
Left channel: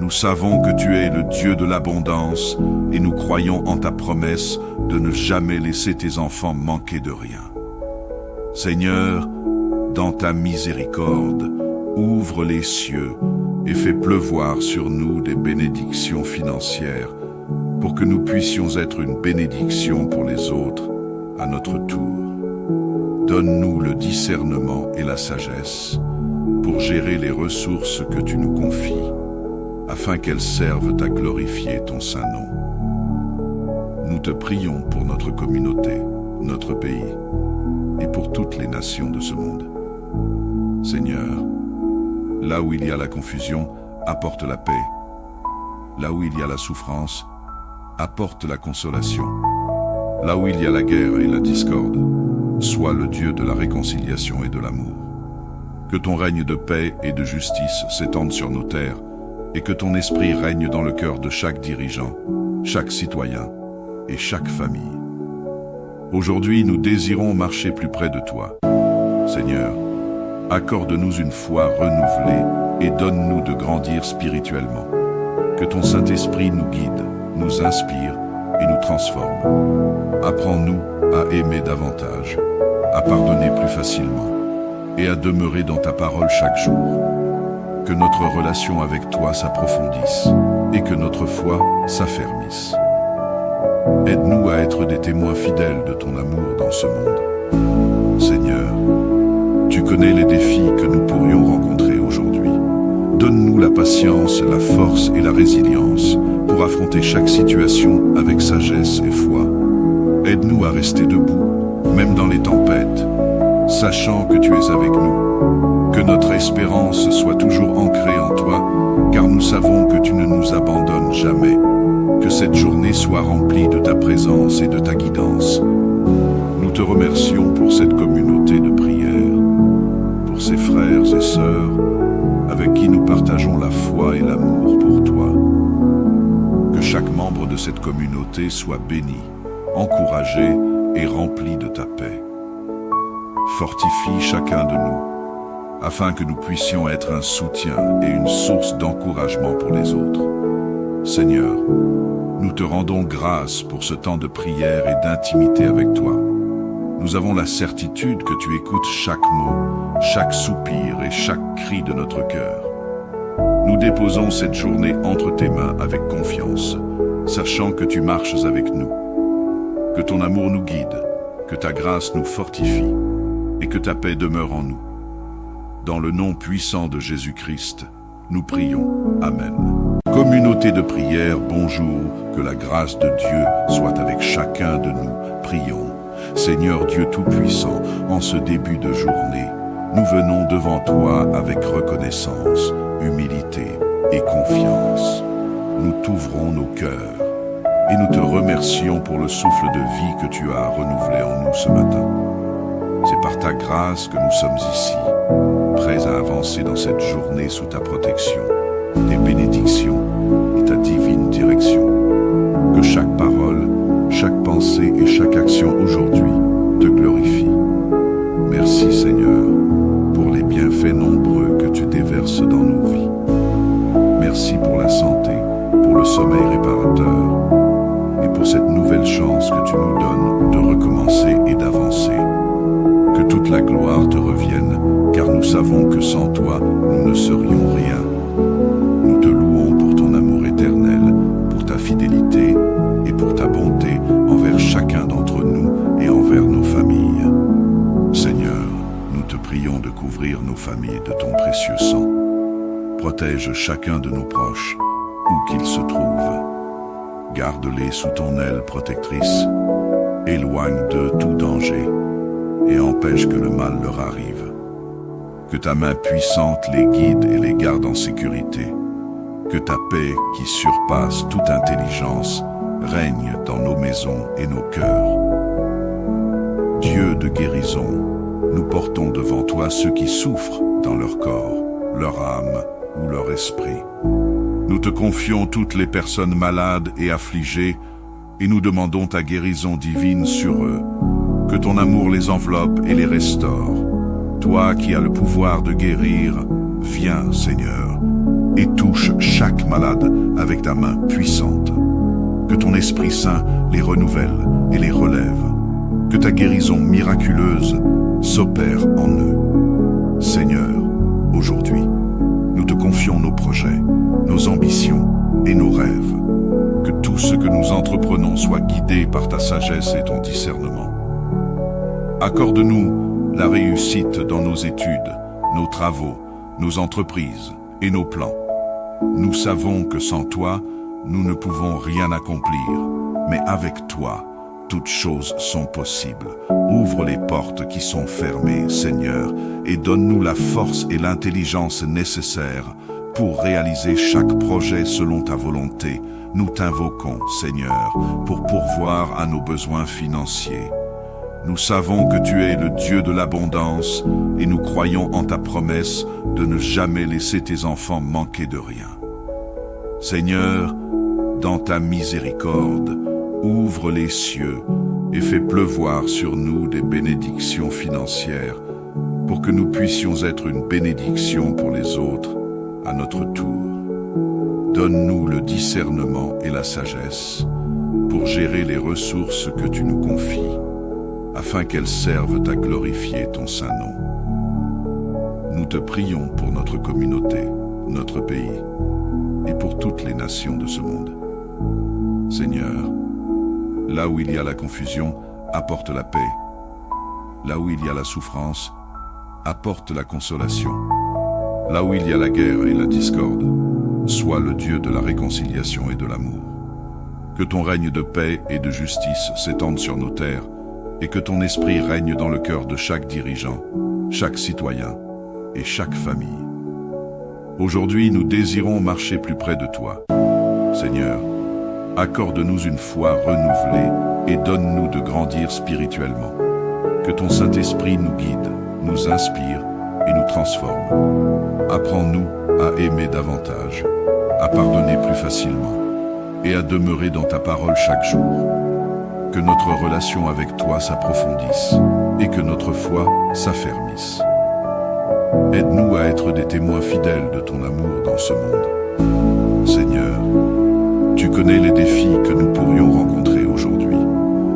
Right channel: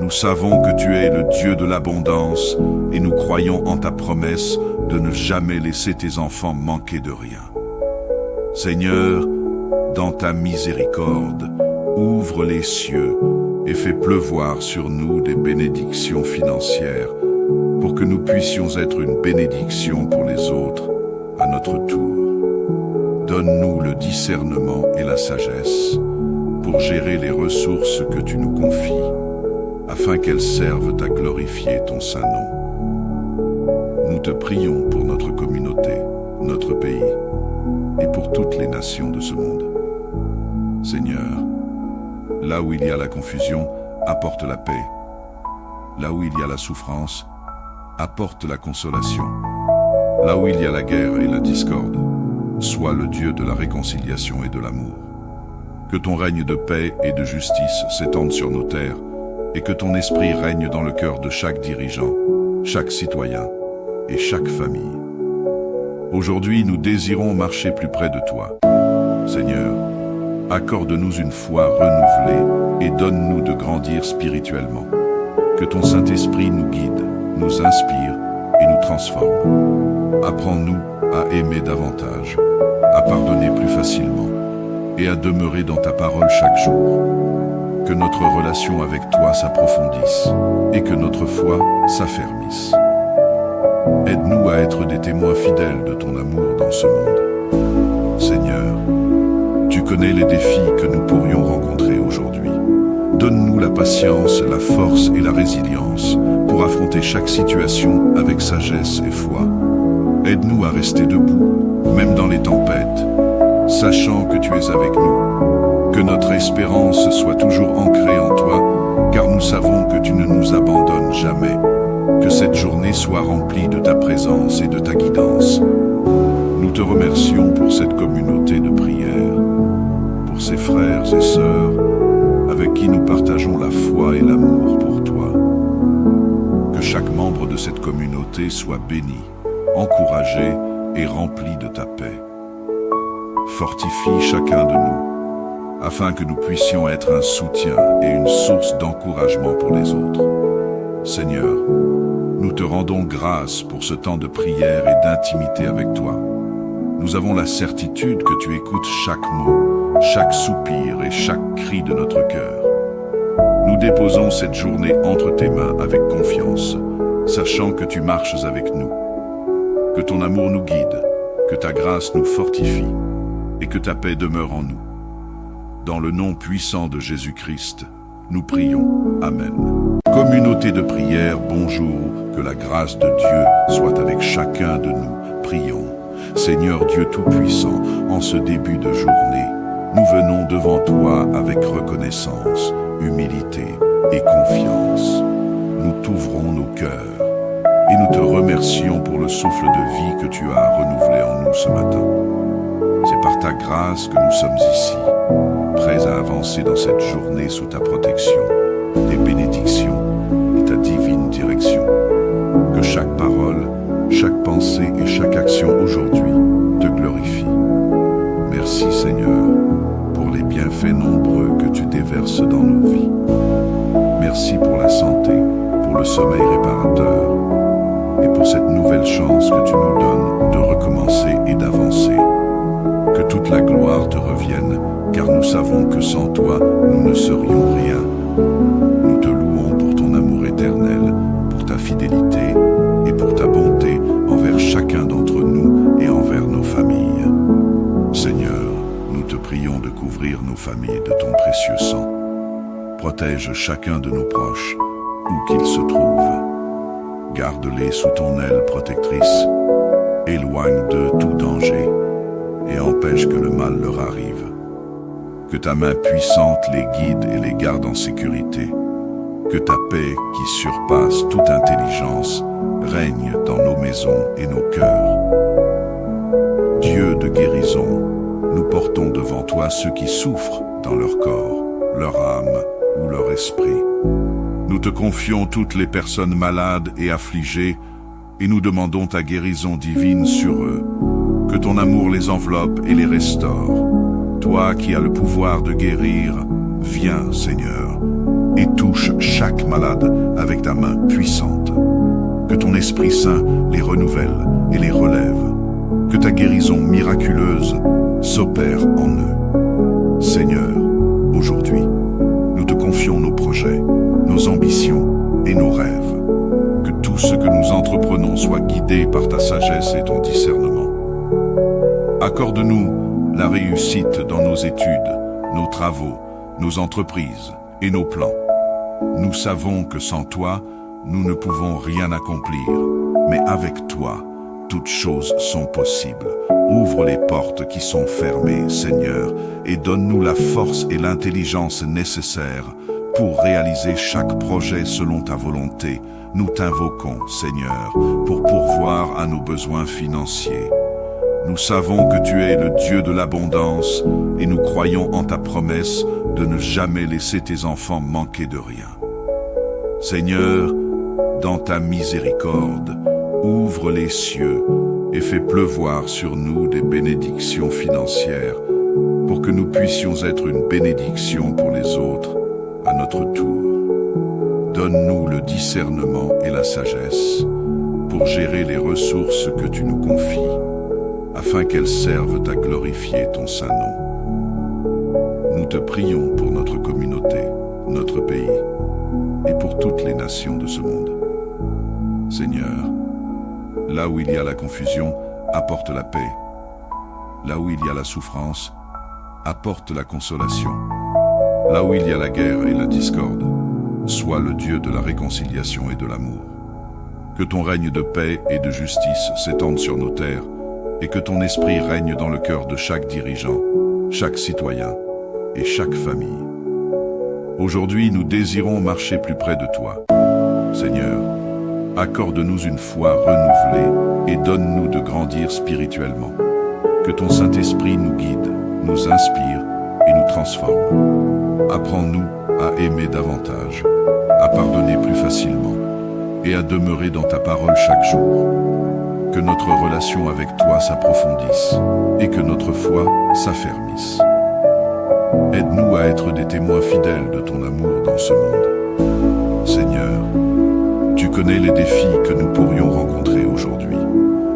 Nous savons que tu es le Dieu de l'abondance et nous croyons en ta promesse de ne jamais laisser tes enfants manquer de rien. Seigneur, dans ta miséricorde, ouvre les cieux et fais pleuvoir sur nous des bénédictions financières pour que nous puissions être une bénédiction pour les autres à notre tour. Donne-nous le discernement et la sagesse pour gérer les ressources que tu nous confies, afin qu'elles servent à glorifier ton saint nom. Nous te prions pour notre communauté, notre pays, et pour toutes les nations de ce monde. Seigneur, là où il y a la confusion, apporte la paix. Là où il y a la souffrance, apporte la consolation. Là où il y a la guerre et la discorde, sois le Dieu de la réconciliation et de l'amour. Que ton règne de paix et de justice s'étende sur nos terres, et que ton esprit règne dans le cœur de chaque dirigeant, chaque citoyen et chaque famille. Aujourd'hui, nous désirons marcher plus près de toi. Seigneur, accorde-nous une foi renouvelée et donne-nous de grandir spirituellement. Que ton Saint-Esprit nous guide, nous inspire et nous transforme. Apprends-nous à aimer davantage, à pardonner plus facilement et à demeurer dans ta parole chaque jour. Que notre relation avec toi s'approfondisse et que notre foi s'affermisse. Aide-nous à être des témoins fidèles de ton amour dans ce monde. Seigneur, tu connais les défis que nous pourrions rencontrer aujourd'hui. Donne-nous la patience, la force et la résilience pour affronter chaque situation avec sagesse et foi. Aide-nous à rester debout, même dans les tempêtes, sachant que tu es avec nous. Que notre espérance soit toujours ancrée en toi, car nous savons que tu ne nous abandonnes jamais. Que cette journée soit remplie de ta présence et de ta guidance. Nous te remercions pour cette communauté de prière, pour ces frères et sœurs avec qui nous partageons la foi et l'amour pour toi. Que chaque membre de cette communauté soit béni, encouragé et rempli de ta paix. Fortifie chacun de nous, afin que nous puissions être un soutien et une source d'encouragement pour les autres. Seigneur, nous te rendons grâce pour ce temps de prière et d'intimité avec toi. Nous avons la certitude que tu écoutes chaque mot, chaque soupir et chaque cri de notre cœur. Nous déposons cette journée entre tes mains avec confiance, sachant que tu marches avec nous. Que ton amour nous guide, que ta grâce nous fortifie et que ta paix demeure en nous. Dans le nom puissant de Jésus-Christ, nous prions. Amen. Communauté de prière, bonjour, que la grâce de Dieu soit avec chacun de nous. Prions. Seigneur Dieu Tout-Puissant, en ce début de journée, nous venons devant toi avec reconnaissance, humilité et confiance. Nous t'ouvrons nos cœurs et nous te remercions pour le souffle de vie que tu as renouvelé en nous ce matin. C'est par ta grâce que nous sommes ici, prêts à avancer dans cette journée sous ta protection, tes bénédictions et ta divine direction. Que chaque parole, chaque pensée et chaque action aujourd'hui te glorifie. Merci Seigneur pour les bienfaits nombreux que tu déverses dans nos vies. Merci pour la santé, pour le sommeil réparateur et pour cette nouvelle chance que tu nous donnes de recommencer et d'avancer. Que toute la gloire te revienne, car nous savons que sans toi, nous ne serions rien. Nous te louons pour ton amour éternel, pour ta fidélité et pour ta bonté envers chacun d'entre nous et envers nos familles. Seigneur, nous te prions de couvrir nos familles de ton précieux sang. Protège chacun de nos proches, où qu'ils se trouvent. Garde-les sous ton aile protectrice, éloigne d'eux tout danger et empêche que le mal leur arrive. Que ta main puissante les guide et les garde en sécurité. Que ta paix, qui surpasse toute intelligence, règne dans nos maisons et nos cœurs. Dieu de guérison, nous portons devant toi ceux qui souffrent dans leur corps, leur âme ou leur esprit. Nous te confions toutes les personnes malades et affligées et nous demandons ta guérison divine sur eux. Que ton amour les enveloppe et les restaure. Toi qui as le pouvoir de guérir, viens, Seigneur, et touche chaque malade avec ta main puissante. Que ton Esprit Saint les renouvelle et les relève. Que ta guérison miraculeuse s'opère en eux. Seigneur, aujourd'hui, nous te confions nos projets, nos ambitions et nos rêves. Que tout ce que nous entreprenons soit guidé par ta sagesse et ton discernement. Accorde-nous la réussite dans nos études, nos travaux, nos entreprises et nos plans. Nous savons que sans toi, nous ne pouvons rien accomplir, mais avec toi, toutes choses sont possibles. Ouvre les portes qui sont fermées, Seigneur, et donne-nous la force et l'intelligence nécessaires pour réaliser chaque projet selon ta volonté. Nous t'invoquons, Seigneur, pour pourvoir à nos besoins financiers. Nous savons que tu es le Dieu de l'abondance et nous croyons en ta promesse de ne jamais laisser tes enfants manquer de rien. Seigneur, dans ta miséricorde, ouvre les cieux et fais pleuvoir sur nous des bénédictions financières pour que nous puissions être une bénédiction pour les autres à notre tour. Donne-nous le discernement et la sagesse pour gérer les ressources que tu nous confies, afin qu'elles servent à glorifier ton saint nom. Nous te prions pour notre communauté, notre pays, et pour toutes les nations de ce monde. Seigneur, là où il y a la confusion, apporte la paix. Là où il y a la souffrance, apporte la consolation. Là où il y a la guerre et la discorde, sois le Dieu de la réconciliation et de l'amour. Que ton règne de paix et de justice s'étende sur nos terres, et que ton esprit règne dans le cœur de chaque dirigeant, chaque citoyen et chaque famille. Aujourd'hui, nous désirons marcher plus près de toi. Seigneur, accorde-nous une foi renouvelée et donne-nous de grandir spirituellement. Que ton Saint-Esprit nous guide, nous inspire et nous transforme. Apprends-nous à aimer davantage, à pardonner plus facilement et à demeurer dans ta parole chaque jour. Que notre relation avec toi s'approfondisse et que notre foi s'affermisse. Aide-nous à être des témoins fidèles de ton amour dans ce monde. Seigneur, tu connais les défis que nous pourrions rencontrer aujourd'hui.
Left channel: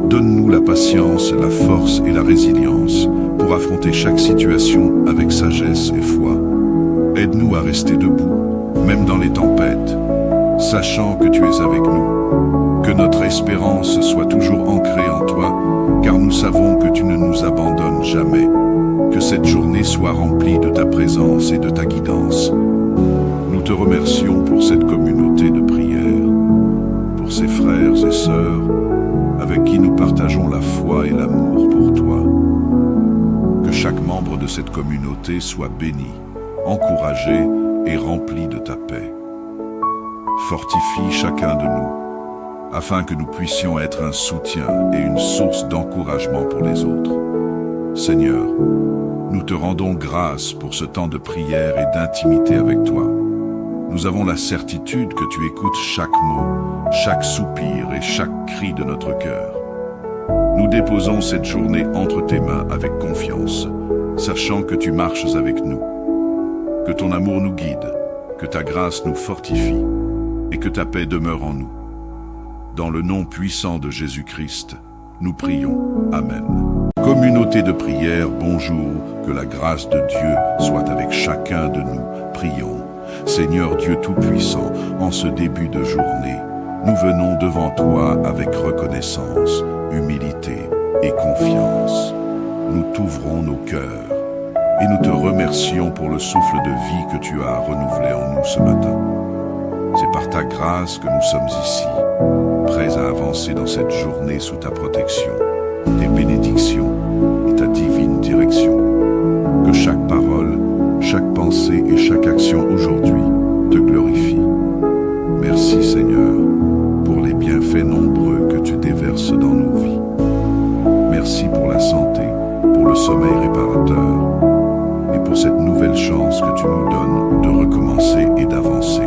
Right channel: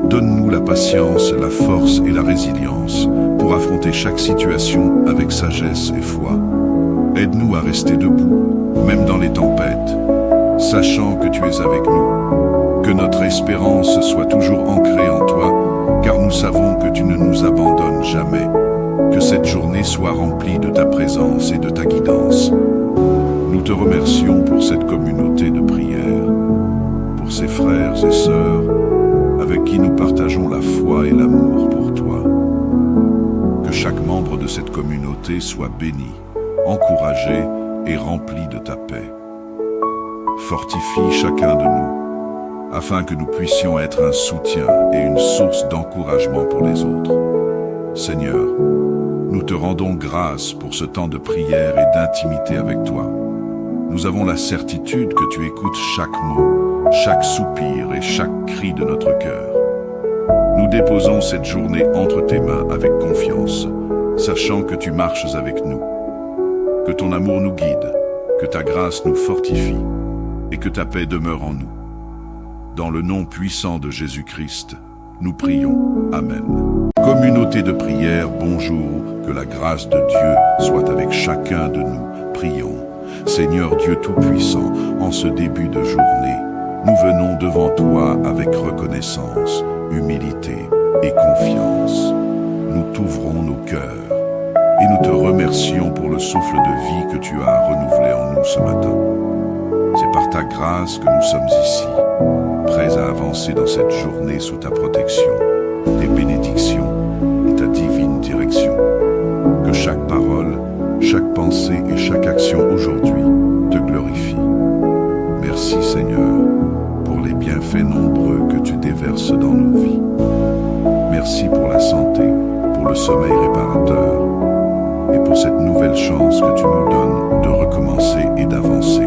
Donne-nous la patience, la force et la résilience pour affronter chaque situation avec sagesse et foi. Aide-nous à rester debout, même dans les tempêtes, sachant que tu es avec nous. Que notre espérance soit toujours ancrée en toi, car nous savons que tu ne nous abandonnes jamais. Que cette journée soit remplie de ta présence et de ta guidance. Nous te remercions pour cette communauté de prière, pour ces frères et sœurs avec qui nous partageons la foi et l'amour pour toi. Que chaque membre de cette communauté soit béni, encouragé et rempli de ta paix. Fortifie chacun de nous, afin que nous puissions être un soutien et une source d'encouragement pour les autres. Seigneur, nous te rendons grâce pour ce temps de prière et d'intimité avec toi. Nous avons la certitude que tu écoutes chaque mot, chaque soupir et chaque cri de notre cœur. Nous déposons cette journée entre tes mains avec confiance, sachant que tu marches avec nous. Que ton amour nous guide, que ta grâce nous fortifie, et que ta paix demeure en nous. Dans le nom puissant de Jésus-Christ, nous prions. Amen. Communauté de prière, bonjour, que la grâce de Dieu soit avec chacun de nous. Prions. Seigneur Dieu Tout-Puissant, en ce début de journée, nous venons devant toi avec reconnaissance, humilité et confiance. Nous t'ouvrons nos cœurs et nous te remercions pour le souffle de vie que tu as renouvelé en nous ce matin. C'est par ta grâce que nous sommes ici, prêts à avancer dans cette journée sous ta protection, tes bénédictions et ta divine direction. Que chaque parole, chaque pensée et chaque action aujourd'hui te glorifie. Merci Seigneur pour les bienfaits nombreux que tu déverses dans nos vies. Merci pour la santé, pour le sommeil réparateur et pour cette nouvelle chance que tu nous donnes de recommencer et d'avancer.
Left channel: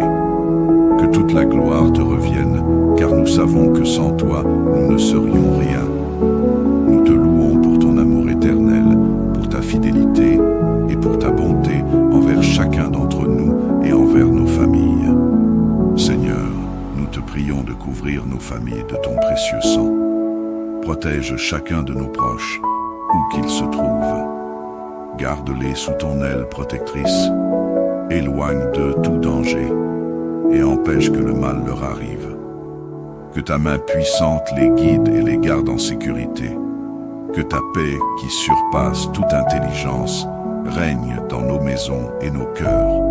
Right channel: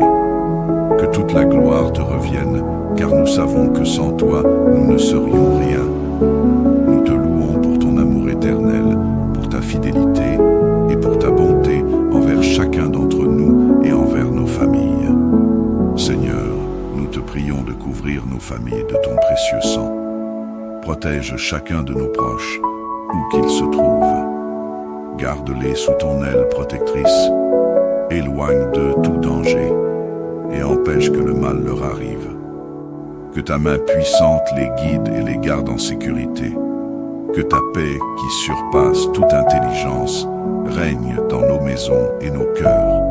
Que toute la gloire te revienne, car nous savons que sans toi, nous ne serions rien. Nous te louons pour ton amour éternel, pour ta fidélité et pour ta bonté envers chacun d'entre nous et envers nos familles. Seigneur, nous te prions de couvrir nos familles de ton précieux sang. Protège chacun de nos proches, où qu'ils se trouvent. Garde-les sous ton aile protectrice. Éloigne d'eux tout danger et empêche que le mal leur arrive. Que ta main puissante les guide et les garde en sécurité. Que ta paix, qui surpasse toute intelligence, règne dans nos maisons et nos cœurs.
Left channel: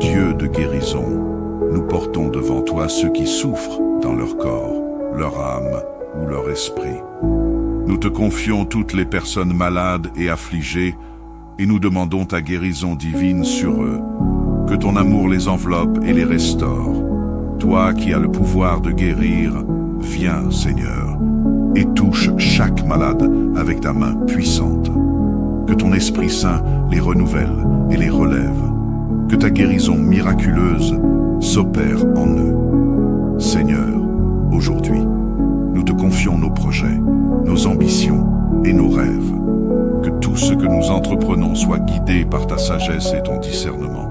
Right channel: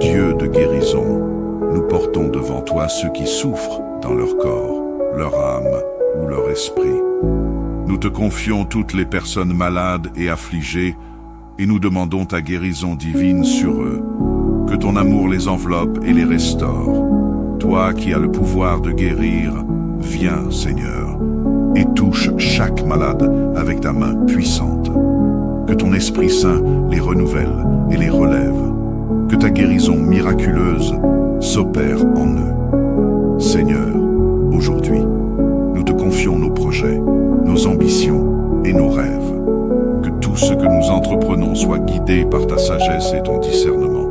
Dieu de guérison, nous portons devant toi ceux qui souffrent dans leur corps, leur âme ou leur esprit. Nous te confions toutes les personnes malades et affligées et nous demandons ta guérison divine sur eux. Que ton amour les enveloppe et les restaure. Toi qui as le pouvoir de guérir, viens, Seigneur, et touche chaque malade avec ta main puissante. Que ton Esprit Saint les renouvelle et les relève. Que ta guérison miraculeuse s'opère en eux. Seigneur, aujourd'hui, nous te confions nos projets, nos ambitions et nos rêves. Que tout ce que nous entreprenons soit guidé par ta sagesse et ton discernement.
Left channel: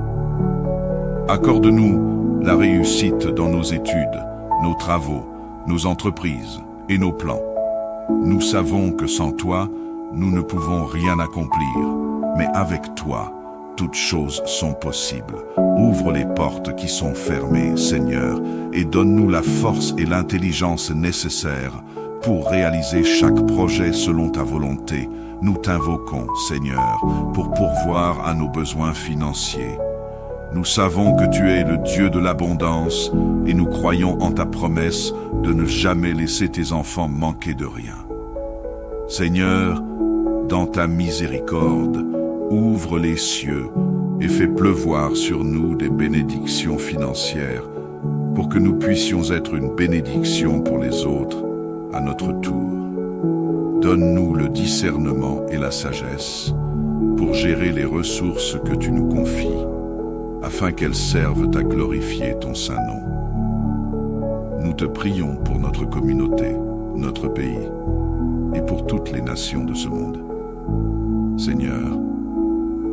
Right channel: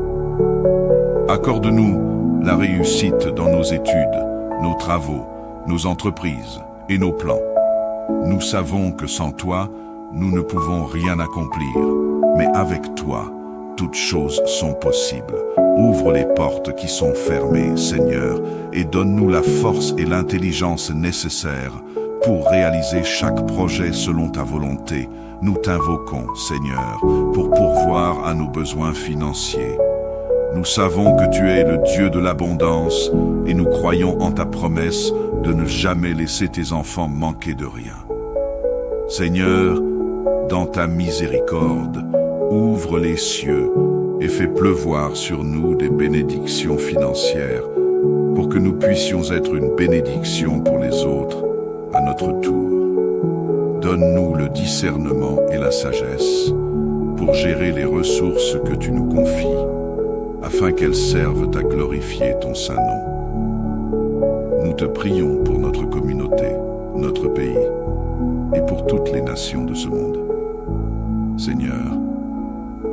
Accorde-nous la réussite dans nos études, nos travaux, nos entreprises et nos plans. Nous savons que sans toi, nous ne pouvons rien accomplir, mais avec toi, toutes choses sont possibles. Ouvre les portes qui sont fermées, Seigneur, et donne-nous la force et l'intelligence nécessaires pour réaliser chaque projet selon ta volonté. Nous t'invoquons, Seigneur, pour pourvoir à nos besoins financiers. Nous savons que tu es le Dieu de l'abondance et nous croyons en ta promesse de ne jamais laisser tes enfants manquer de rien. Seigneur, dans ta miséricorde, ouvre les cieux et fais pleuvoir sur nous des bénédictions financières pour que nous puissions être une bénédiction pour les autres à notre tour. Donne-nous le discernement et la sagesse pour gérer les ressources que tu nous confies, afin qu'elles servent à glorifier ton saint nom. Nous te prions pour notre communauté, notre pays, et pour toutes les nations de ce monde. Seigneur,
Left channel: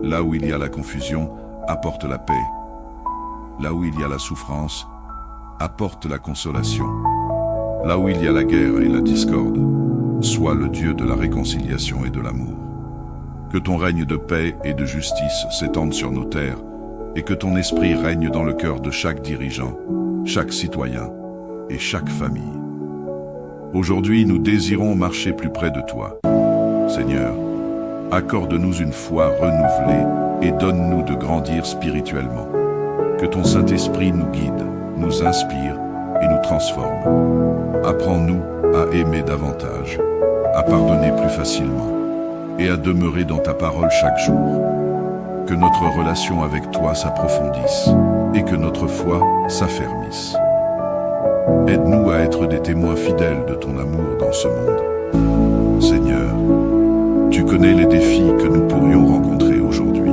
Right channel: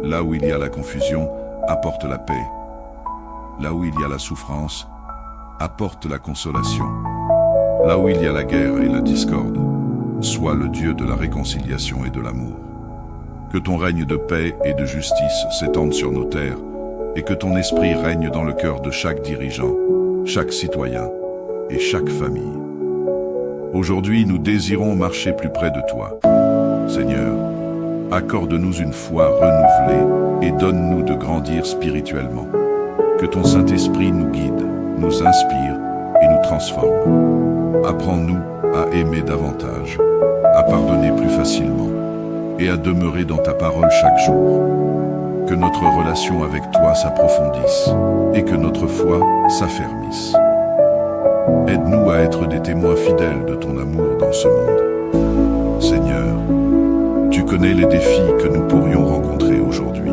là où il y a la confusion, apporte la paix. Là où il y a la souffrance, apporte la consolation. Là où il y a la guerre et la discorde, sois le Dieu de la réconciliation et de l'amour. Que ton règne de paix et de justice s'étende sur nos terres, et que ton esprit règne dans le cœur de chaque dirigeant, chaque citoyen et chaque famille. Aujourd'hui, nous désirons marcher plus près de toi. Seigneur, accorde-nous une foi renouvelée et donne-nous de grandir spirituellement. Que ton Saint-Esprit nous guide, nous inspire et nous transforme. Apprends-nous à aimer davantage, à pardonner plus facilement et à demeurer dans ta parole chaque jour. Que notre relation avec toi s'approfondisse et que notre foi s'affermisse. Aide-nous à être des témoins fidèles de ton amour dans ce monde. Seigneur, tu connais les défis que nous pourrions rencontrer aujourd'hui.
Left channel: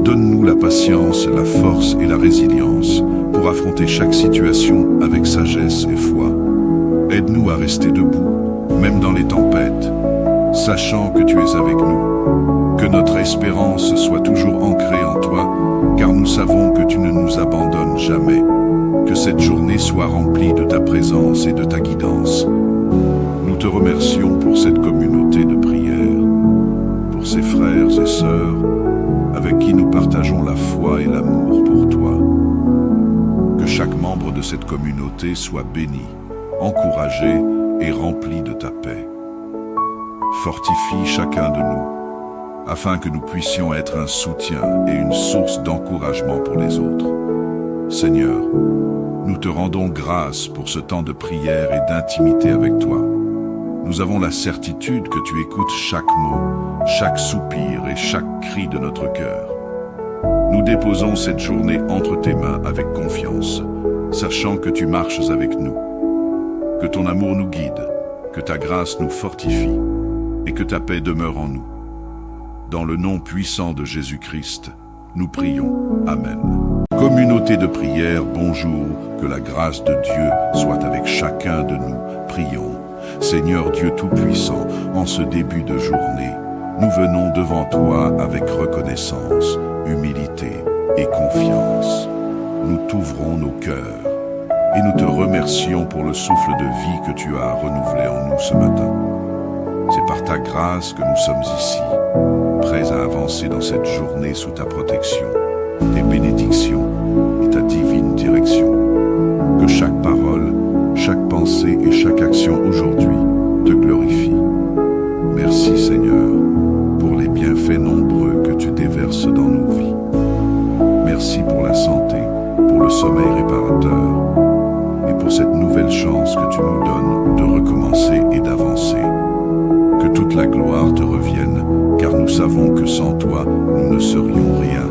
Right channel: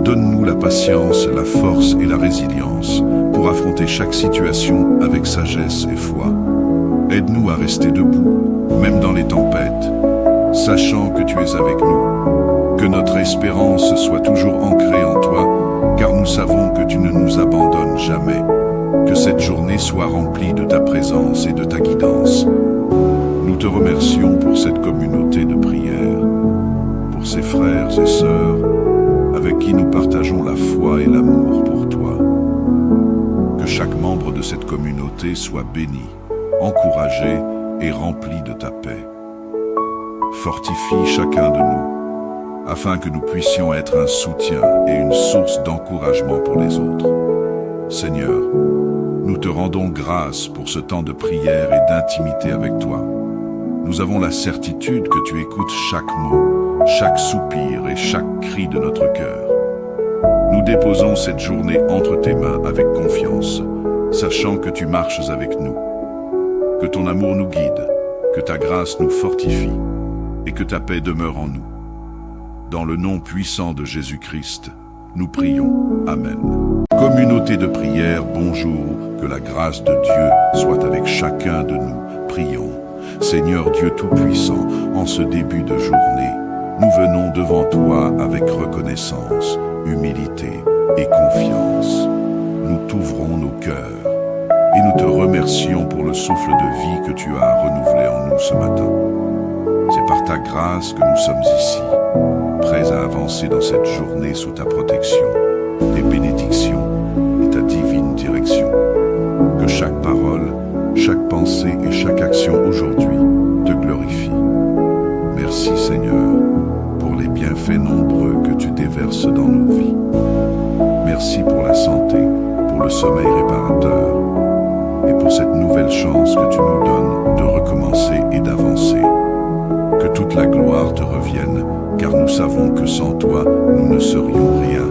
Donne-nous la patience, la force et la résilience pour affronter chaque situation avec sagesse et foi. Aide-nous à rester debout, même dans les tempêtes, sachant que tu es avec nous. Que notre espérance soit toujours ancrée en toi, car nous savons que tu ne nous abandonnes jamais. Que cette journée soit remplie de ta présence et de ta guidance. Nous te remercions pour cette communauté de prière, pour ces frères et sœurs avec qui nous partageons la foi et l'amour pour toi. Que chaque membre de cette communauté soit béni, encouragé et rempli de ta paix. Fortifie chacun de nous, afin que nous puissions être un soutien et une source d'encouragement pour les autres. Seigneur, nous te rendons grâce pour ce temps de prière et d'intimité avec toi. Nous avons la certitude que tu écoutes chaque mot, chaque soupir et chaque cri de notre cœur. Nous déposons cette journée entre tes mains avec confiance, sachant que tu marches avec nous. Que ton amour nous guide, que ta grâce nous fortifie et que ta paix demeure en nous. Dans le nom puissant de Jésus-Christ, nous prions. Amen. Communauté de prière, bonjour, que la grâce de Dieu soit avec chacun de nous. Prions. Seigneur Dieu Tout-Puissant, en ce début de journée, nous venons devant toi avec reconnaissance, humilité et confiance. Nous t'ouvrons nos cœurs et nous te remercions pour le souffle de vie que tu as renouvelé en nous ce matin. C'est par ta grâce que nous sommes ici, prêts à avancer dans cette journée sous ta protection, tes bénédictions et ta divine direction. Que chaque parole, chaque pensée et chaque action aujourd'hui te glorifie. Merci Seigneur pour les bienfaits nombreux que tu déverses dans nos vies. Merci pour la santé, pour le sommeil réparateur et pour cette nouvelle chance que tu nous donnes de recommencer et d'avancer. Que toute la gloire te revienne, car nous savons que sans toi, nous ne serions rien.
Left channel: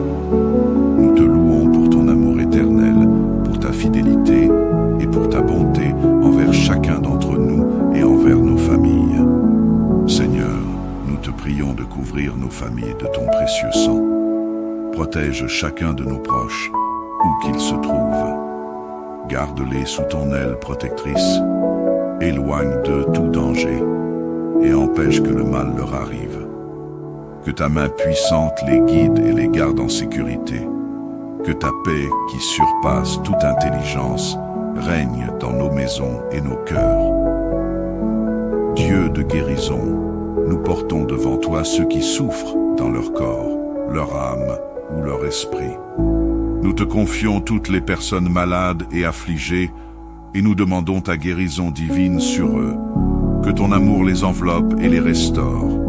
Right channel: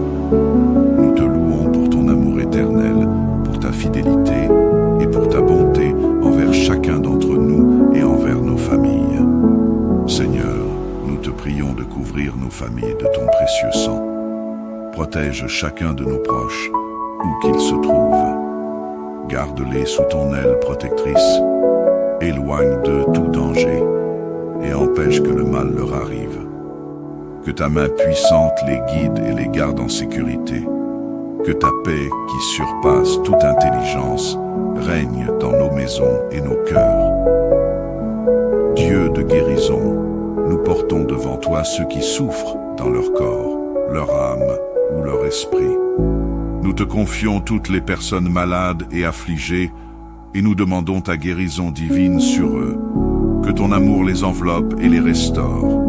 Nous te louons pour ton amour éternel, pour ta fidélité et pour ta bonté envers chacun d'entre nous et envers nos familles. Seigneur, nous te prions de couvrir nos familles de ton précieux sang. Protège chacun de nos proches, où qu'ils se trouvent. Garde-les sous ton aile protectrice. Éloigne d'eux tout danger et empêche que le mal leur arrive. Que ta main puissante les guide et les garde en sécurité. Que ta paix, qui surpasse toute intelligence, règne dans nos maisons et nos cœurs. Dieu de guérison, nous portons devant toi ceux qui souffrent dans leur corps, leur âme ou leur esprit. Nous te confions toutes les personnes malades et affligées et nous demandons ta guérison divine sur eux. Que ton amour les enveloppe et les restaure.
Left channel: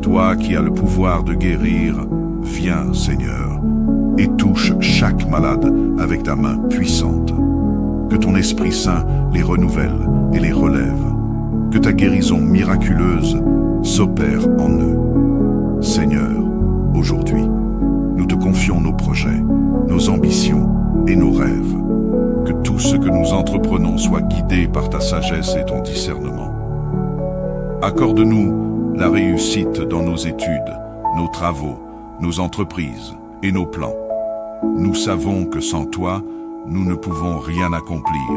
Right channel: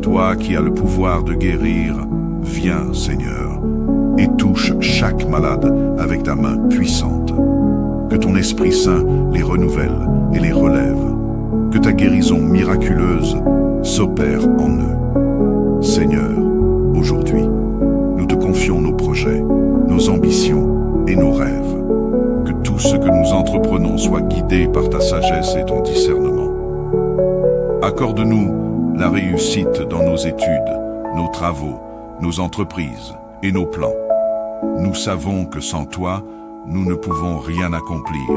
Toi qui as le pouvoir de guérir, viens, Seigneur, et touche chaque malade avec ta main puissante. Que ton Esprit Saint les renouvelle et les relève. Que ta guérison miraculeuse s'opère en eux. Seigneur, aujourd'hui, nous te confions nos projets, nos ambitions et nos rêves. Que tout ce que nous entreprenons soit guidé par ta sagesse et ton discernement. Accorde-nous la réussite dans nos études, nos travaux, nos entreprises et nos plans. Nous savons que sans toi, nous ne pouvons rien accomplir,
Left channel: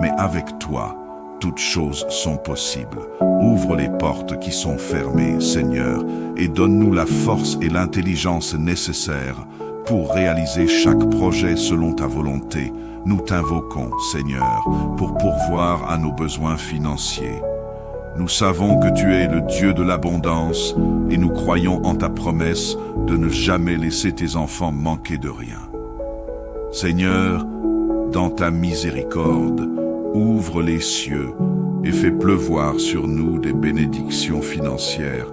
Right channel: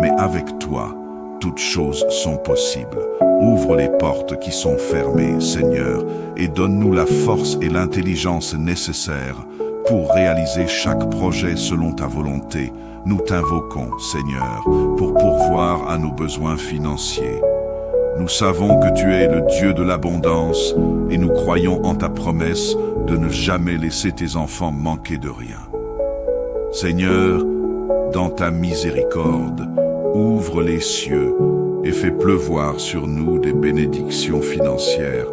mais avec toi, toutes choses sont possibles. Ouvre les portes qui sont fermées, Seigneur, et donne-nous la force et l'intelligence nécessaires pour réaliser chaque projet selon ta volonté. Nous t'invoquons, Seigneur, pour pourvoir à nos besoins financiers. Nous savons que tu es le Dieu de l'abondance et nous croyons en ta promesse de ne jamais laisser tes enfants manquer de rien. Seigneur, dans ta miséricorde, ouvre les cieux et fais pleuvoir sur nous des bénédictions financières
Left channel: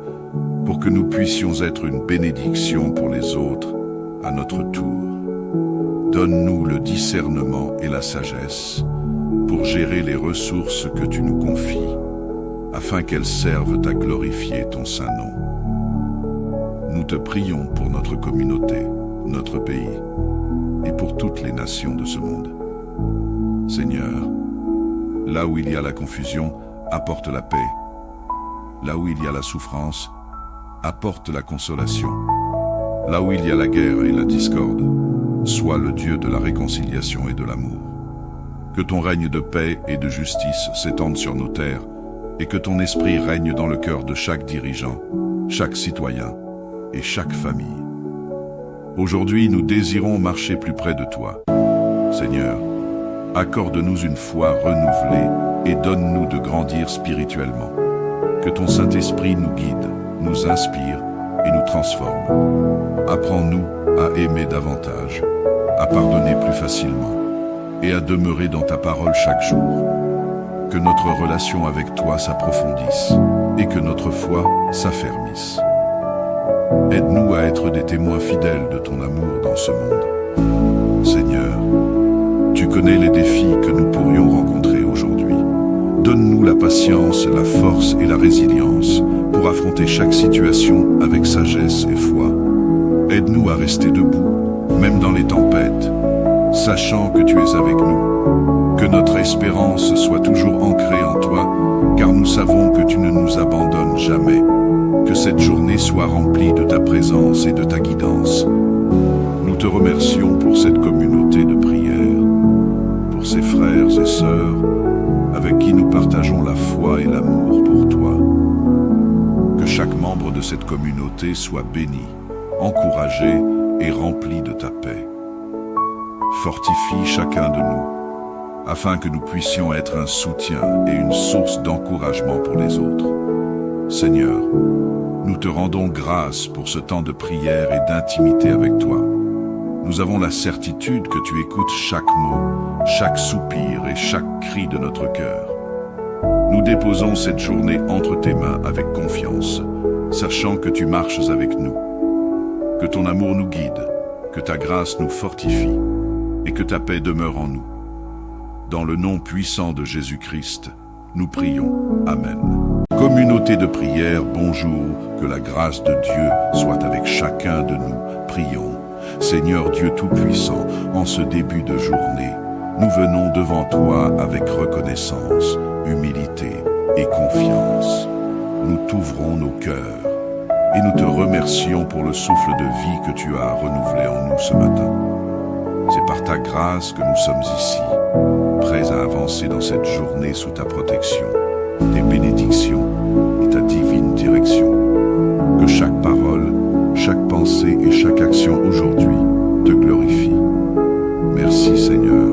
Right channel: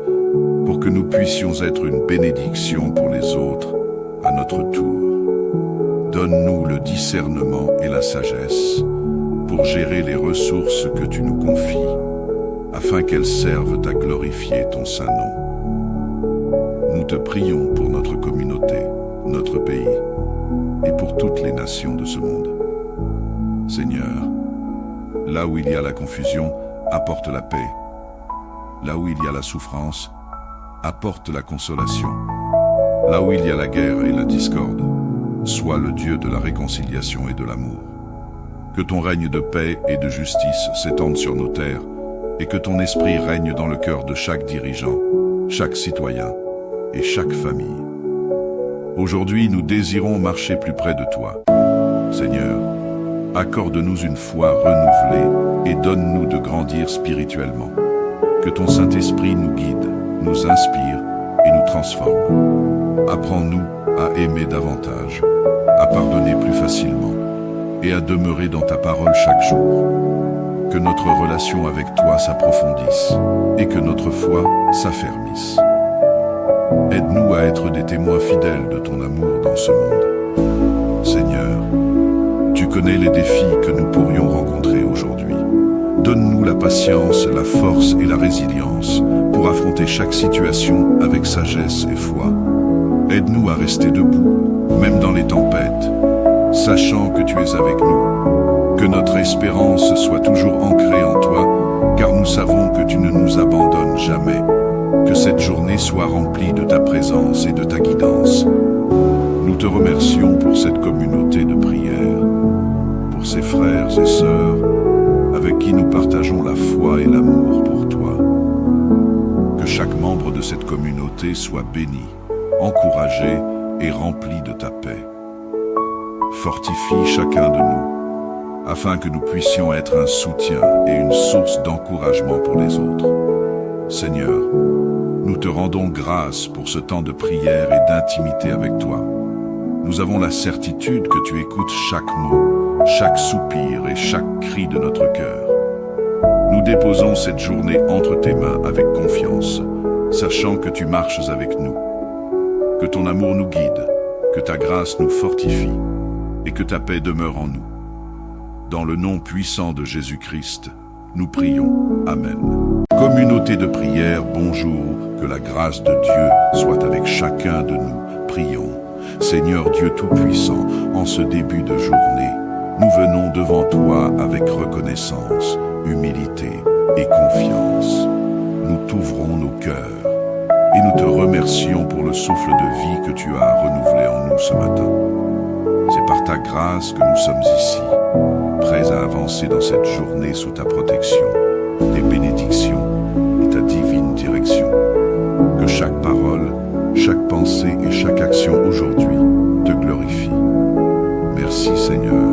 pour que nous puissions être une bénédiction pour les autres à notre tour. Donne-nous le discernement et la sagesse pour gérer les ressources que tu nous confies, afin qu'elles servent à glorifier ton saint nom. Nous te prions pour notre communauté, notre pays, et pour toutes les nations de ce monde. Seigneur, là où il y a la confusion, apporte la paix. Là où il y a la souffrance, apporte la consolation. Là où il y a la guerre et la discorde, sois le Dieu de la réconciliation et de l'amour. Que ton règne de paix et de justice s'étende sur nos terres, et que ton esprit règne dans le cœur de chaque dirigeant, chaque citoyen et chaque famille. Aujourd'hui, nous désirons marcher plus près de toi. Seigneur, accorde-nous une foi renouvelée et donne-nous de grandir spirituellement. Que ton Saint-Esprit nous guide, nous inspire et nous transforme. Apprends-nous à aimer davantage, à pardonner plus facilement et à demeurer dans ta parole chaque jour. Que notre relation avec toi s'approfondisse et que notre foi s'affermisse. Aide-nous à être des témoins fidèles de ton amour dans ce monde. Seigneur, tu connais les défis que nous pourrions rencontrer aujourd'hui. Donne-nous la patience, la force et la résilience pour affronter chaque situation avec sagesse et foi. Aide-nous à rester debout, même dans les tempêtes, sachant que tu es avec nous. Que notre espérance soit toujours ancrée en toi, car nous savons que tu ne nous abandonnes jamais. Que cette journée soit remplie de ta présence et de ta guidance. Nous te remercions pour cette communauté de prière, pour ces frères et sœurs avec qui nous partageons la foi et l'amour pour toi. Que chaque membre de cette communauté soit béni, encouragé et rempli de ta paix. Fortifie chacun de nous, afin que nous puissions être un soutien et une source d'encouragement pour les autres. Seigneur, nous te rendons grâce pour ce temps de prière et d'intimité avec toi. Nous avons la certitude que tu écoutes chaque mot, chaque soupir et chaque cri de notre cœur. Nous déposons cette journée entre tes mains avec confiance, sachant que tu marches avec nous. Que ton amour nous guide, que ta grâce nous fortifie et que ta paix demeure en nous. Dans le nom puissant de Jésus-Christ, nous prions. Amen. Communauté de prière, bonjour, que la grâce de Dieu soit avec chacun de nous. Prions. Seigneur Dieu Tout-Puissant, en ce début de journée, nous venons devant toi avec reconnaissance, humilité et confiance. Nous t'ouvrons nos cœurs et nous te remercions pour le souffle de vie que tu as renouvelé en nous ce matin. C'est par ta grâce que nous sommes ici, prêts à avancer dans cette journée sous ta protection, tes bénédictions et ta divine direction. Que chaque parole, chaque pensée et chaque action aujourd'hui te glorifie. Merci Seigneur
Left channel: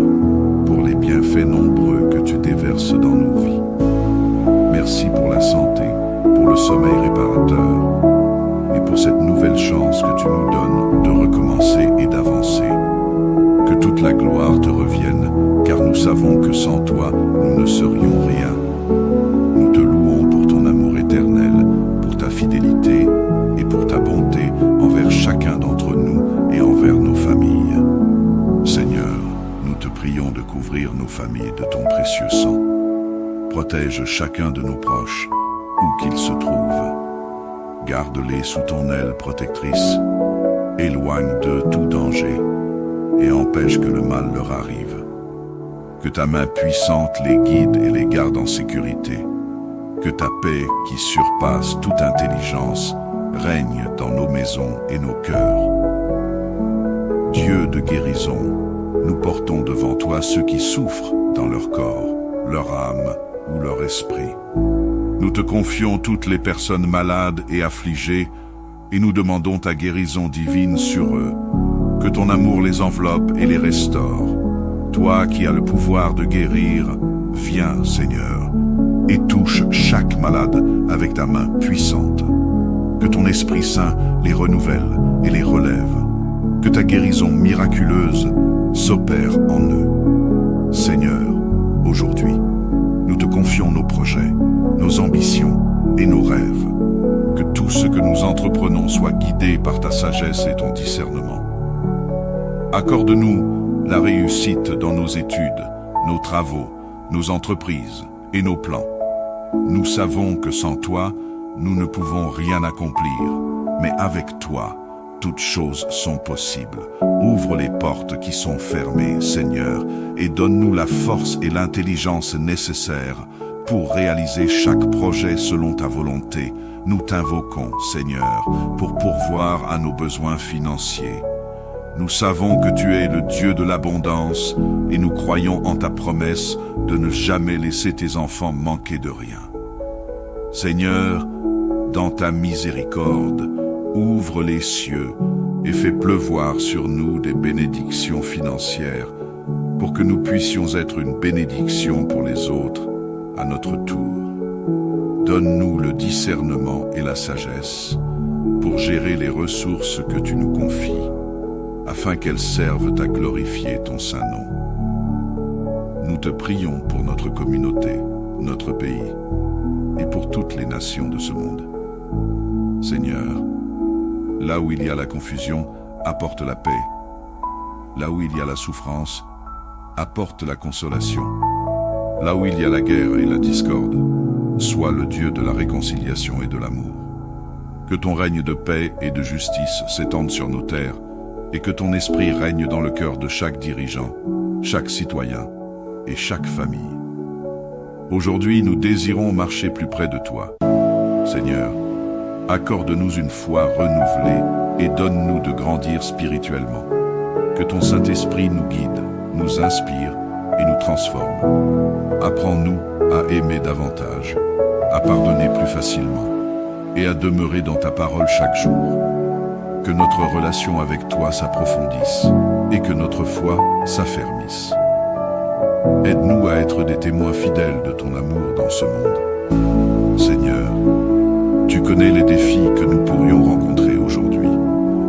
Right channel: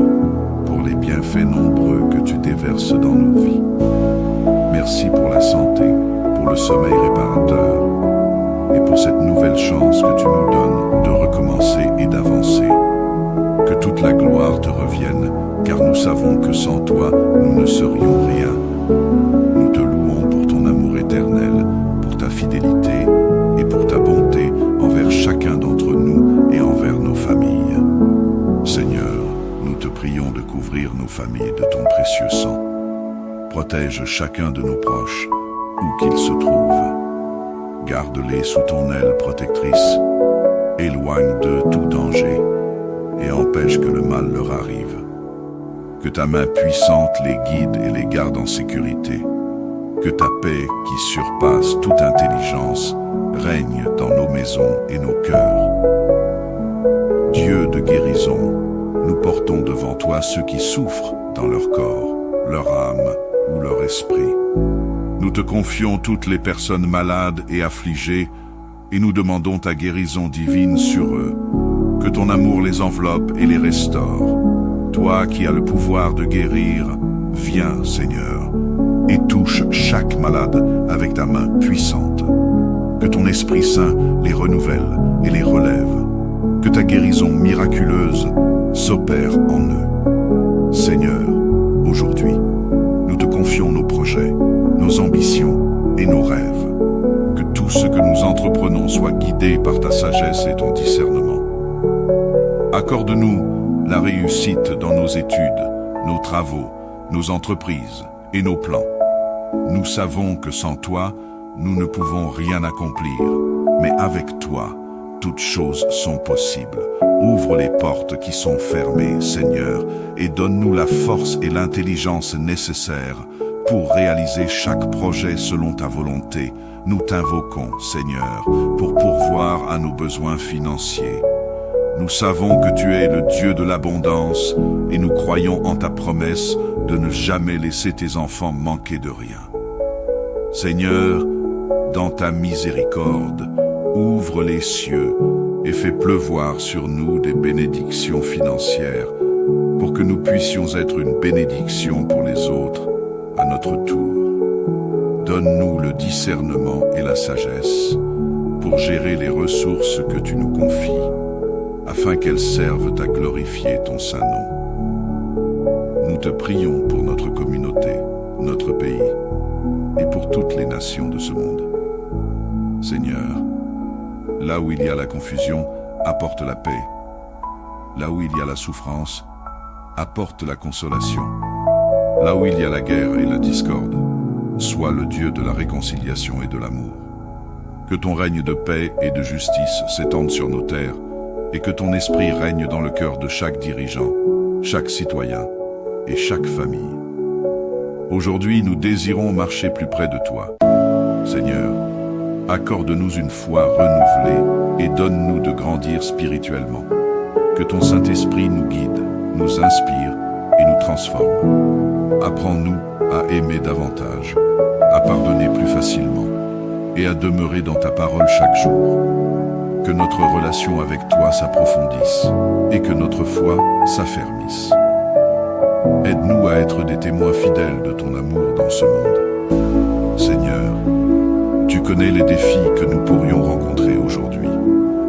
pour les bienfaits nombreux que tu déverses dans nos vies. Merci pour la santé, pour le sommeil réparateur et pour cette nouvelle chance que tu nous donnes de recommencer et d'avancer. Que toute la gloire te revienne, car nous savons que sans toi, nous ne serions rien. Nous te louons pour ton amour éternel, pour ta fidélité et pour ta bonté envers chacun d'entre nous et envers nos familles. Seigneur, nous te prions de couvrir nos familles de ton précieux sang. Protège chacun de nos proches, où qu'ils se trouvent. Garde-les sous ton aile protectrice. Éloigne d'eux tout danger et empêche que le mal leur arrive. Que ta main puissante les guide et les garde en sécurité. Que ta paix, qui surpasse toute intelligence, règne dans nos maisons et nos cœurs. Dieu de guérison, nous portons devant toi ceux qui souffrent dans leur corps, leur âme ou leur esprit. Nous te confions toutes les personnes malades et affligées et nous demandons ta guérison divine sur eux. Que ton amour les enveloppe et les restaure. Toi qui as le pouvoir de guérir, viens, Seigneur, et touche chaque malade avec ta main puissante. Que ton Esprit Saint les renouvelle et les relève. Que ta guérison miraculeuse s'opère en eux. Seigneur, aujourd'hui, nous te confions nos projets, nos ambitions et nos rêves. Que tout ce que nous entreprenons soit guidé par ta sagesse et ton discernement. Accorde-nous la réussite dans nos études, nos travaux, nos entreprises et nos plans. Nous savons que sans toi, nous ne pouvons rien accomplir, mais avec toi, toutes choses sont possibles. Ouvre les portes qui sont fermées, Seigneur, et donne-nous la force et l'intelligence nécessaires pour réaliser chaque projet selon ta volonté. Nous t'invoquons, Seigneur, pour pourvoir à nos besoins financiers. Nous savons que tu es le Dieu de l'abondance et nous croyons en ta promesse de ne jamais laisser tes enfants manquer de rien. Seigneur, dans ta miséricorde, Ouvre les cieux et fais pleuvoir sur nous des bénédictions financières pour que nous puissions être une bénédiction pour les autres à notre tour. Donne-nous le discernement et la sagesse pour gérer les ressources que tu nous confies, afin qu'elles servent à glorifier ton saint nom. Nous te prions pour notre communauté, notre pays, et pour toutes les nations de ce monde. Seigneur, là où il y a la confusion, apporte la paix. Là où il y a la souffrance, apporte la consolation. Là où il y a la guerre et la discorde, sois le Dieu de la réconciliation et de l'amour. Que ton règne de paix et de justice s'étende sur nos terres, et que ton esprit règne dans le cœur de chaque dirigeant, chaque citoyen et chaque famille. Aujourd'hui, nous désirons marcher plus près de toi. Seigneur, accorde-nous une foi renouvelée et donne-nous de grandir spirituellement. Que ton Saint-Esprit nous guide, nous inspire et nous transforme. Apprends-nous à aimer davantage, à pardonner plus facilement et à demeurer dans ta parole chaque jour. Que notre relation avec toi s'approfondisse et que notre foi s'affermisse. Aide-nous à être des témoins fidèles de ton amour dans ce monde. Seigneur, tu connais les défis que nous pourrions rencontrer aujourd'hui.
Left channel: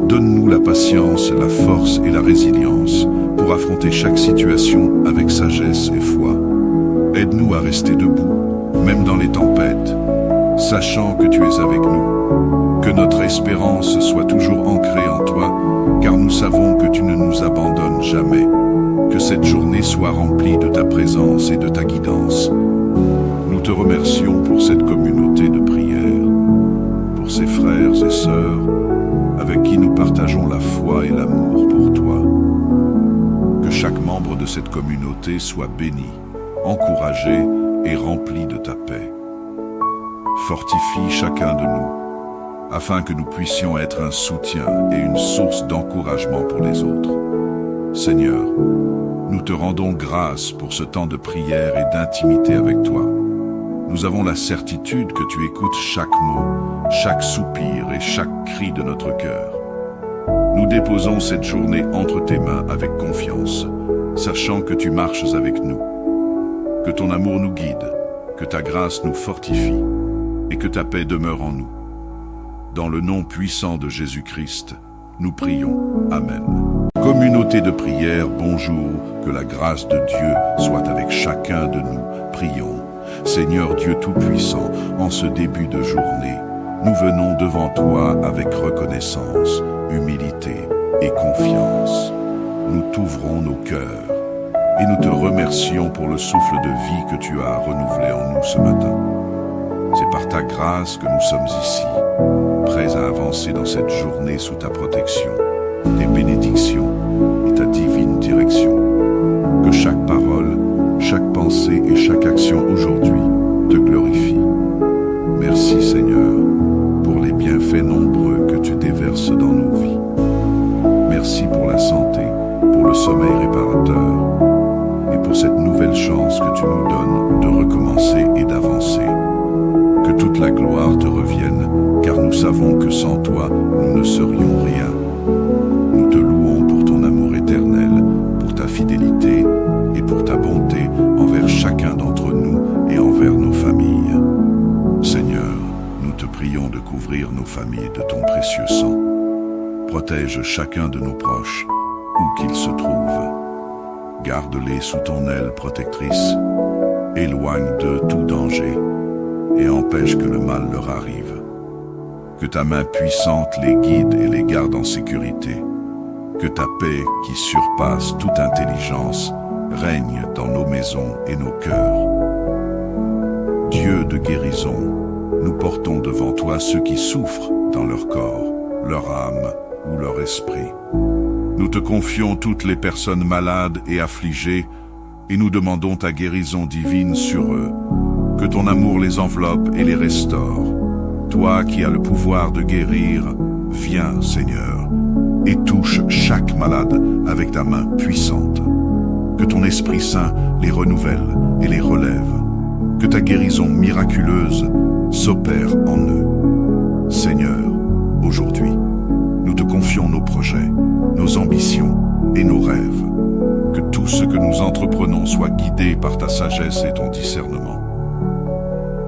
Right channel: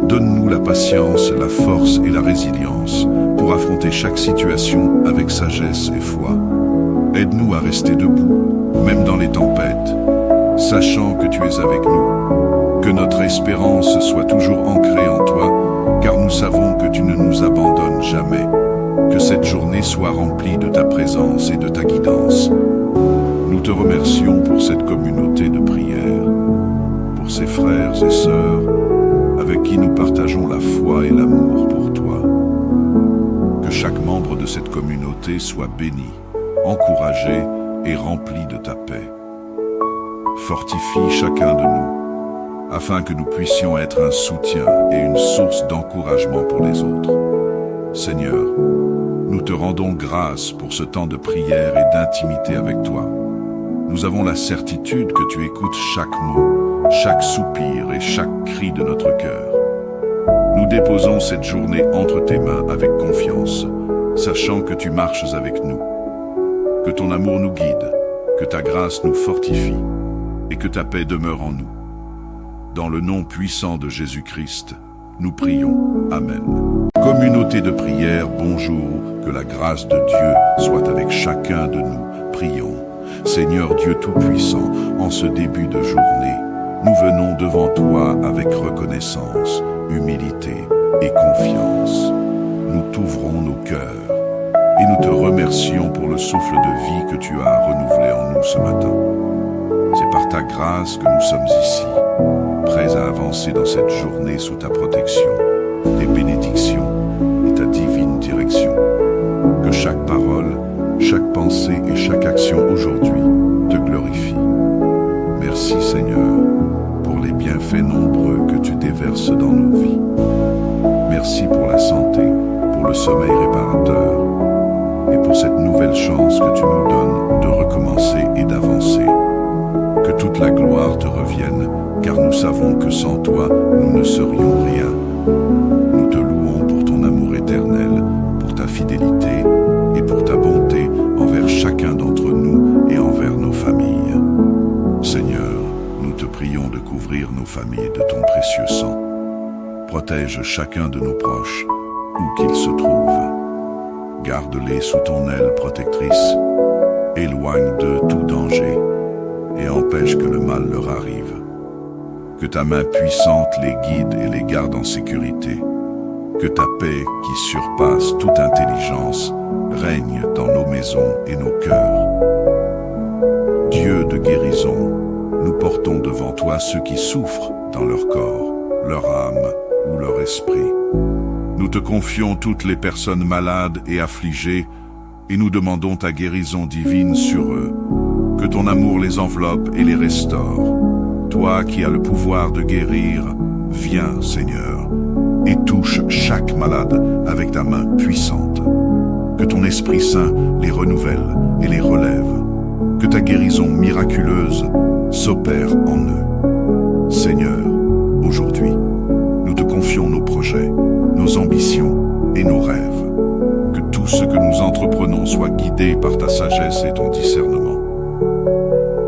Donne-nous la patience, la force et la résilience pour affronter chaque situation avec sagesse et foi. Aide-nous à rester debout, même dans les tempêtes, sachant que tu es avec nous. Que notre espérance soit toujours ancrée en toi, car nous savons que tu ne nous abandonnes jamais. Que cette journée soit remplie de ta présence et de ta guidance. Nous te remercions pour cette communauté de prière, pour ces frères et sœurs avec qui nous partageons la foi et l'amour pour toi. Que chaque membre de cette communauté soit béni, encouragé et rempli de ta paix. Fortifie chacun de nous, afin que nous puissions être un soutien et une source d'encouragement pour les autres. Seigneur, nous te rendons grâce pour ce temps de prière et d'intimité avec toi. Nous avons la certitude que tu écoutes chaque mot, chaque soupir et chaque cri de notre cœur. Nous déposons cette journée entre tes mains avec confiance, sachant que tu marches avec nous. Que ton amour nous guide, que ta grâce nous fortifie et que ta paix demeure en nous. Dans le nom puissant de Jésus-Christ, nous prions. Amen. Communauté de prière, bonjour, que la grâce de Dieu soit avec chacun de nous. Prions. Seigneur Dieu Tout-Puissant, en ce début de journée, nous venons devant toi avec reconnaissance, humilité et confiance. Nous t'ouvrons nos cœurs et nous te remercions pour le souffle de vie que tu as renouvelé en nous ce matin. C'est par ta grâce que nous sommes ici, prêts à avancer dans cette journée sous ta protection, tes bénédictions et ta divine direction. Que chaque parole, chaque pensée et chaque action aujourd'hui te glorifie. Merci Seigneur pour les bienfaits nombreux que tu déverses dans nos vies. Merci pour la santé, pour le sommeil réparateur et pour cette nouvelle chance que tu nous donnes de recommencer et d'avancer. Que toute la gloire te revienne, car nous savons que sans toi, nous ne serions rien. Nous te louons pour ton amour éternel, pour ta fidélité et pour ta bonté envers chacun d'entre nous et envers nos familles. Seigneur, nous te prions de couvrir nos familles de ton précieux sang. Protège chacun de nos proches, où qu'ils se trouvent. Garde-les sous ton aile protectrice. Éloigne d'eux tout danger et empêche que le mal leur arrive. Que ta main puissante les guide et les garde en sécurité. Que ta paix, qui surpasse toute intelligence, règne dans nos maisons et nos cœurs. Dieu de guérison, nous portons devant toi ceux qui souffrent dans leur corps, leur âme ou leur esprit. Nous te confions toutes les personnes malades et affligées et nous demandons ta guérison divine sur eux. Que ton amour les enveloppe et les restaure. Toi qui as le pouvoir de guérir, viens, Seigneur, et touche chaque malade avec ta main puissante. Que ton Esprit Saint les renouvelle et les relève. Que ta guérison miraculeuse s'opère en eux. Seigneur, aujourd'hui, confions nos projets, nos ambitions et nos rêves. Que tout ce que nous entreprenons soit guidé par ta sagesse et ton discernement.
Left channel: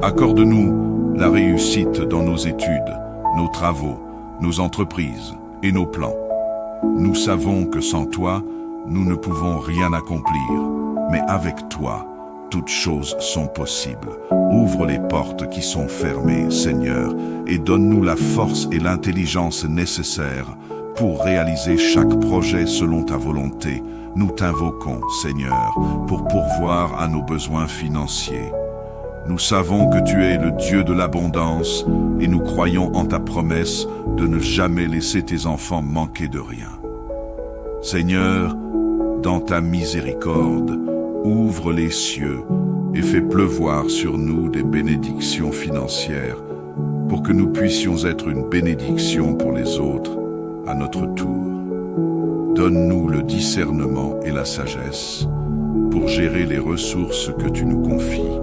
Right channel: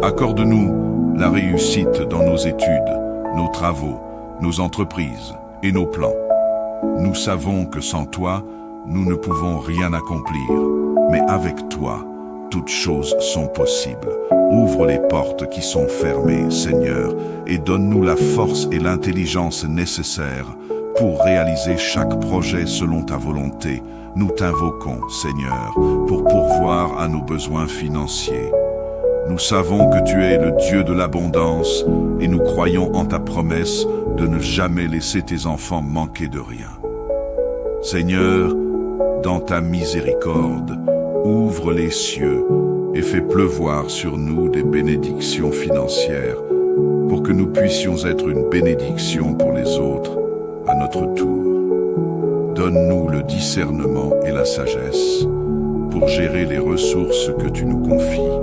Accorde-nous la réussite dans nos études, nos travaux, nos entreprises et nos plans. Nous savons que sans toi, nous ne pouvons rien accomplir, mais avec toi, toutes choses sont possibles. Ouvre les portes qui sont fermées, Seigneur, et donne-nous la force et l'intelligence nécessaires pour réaliser chaque projet selon ta volonté. Nous t'invoquons, Seigneur, pour pourvoir à nos besoins financiers. Nous savons que tu es le Dieu de l'abondance et nous croyons en ta promesse de ne jamais laisser tes enfants manquer de rien. Seigneur, dans ta miséricorde, ouvre les cieux et fais pleuvoir sur nous des bénédictions financières pour que nous puissions être une bénédiction pour les autres à notre tour. Donne-nous le discernement et la sagesse pour gérer les ressources que tu nous confies,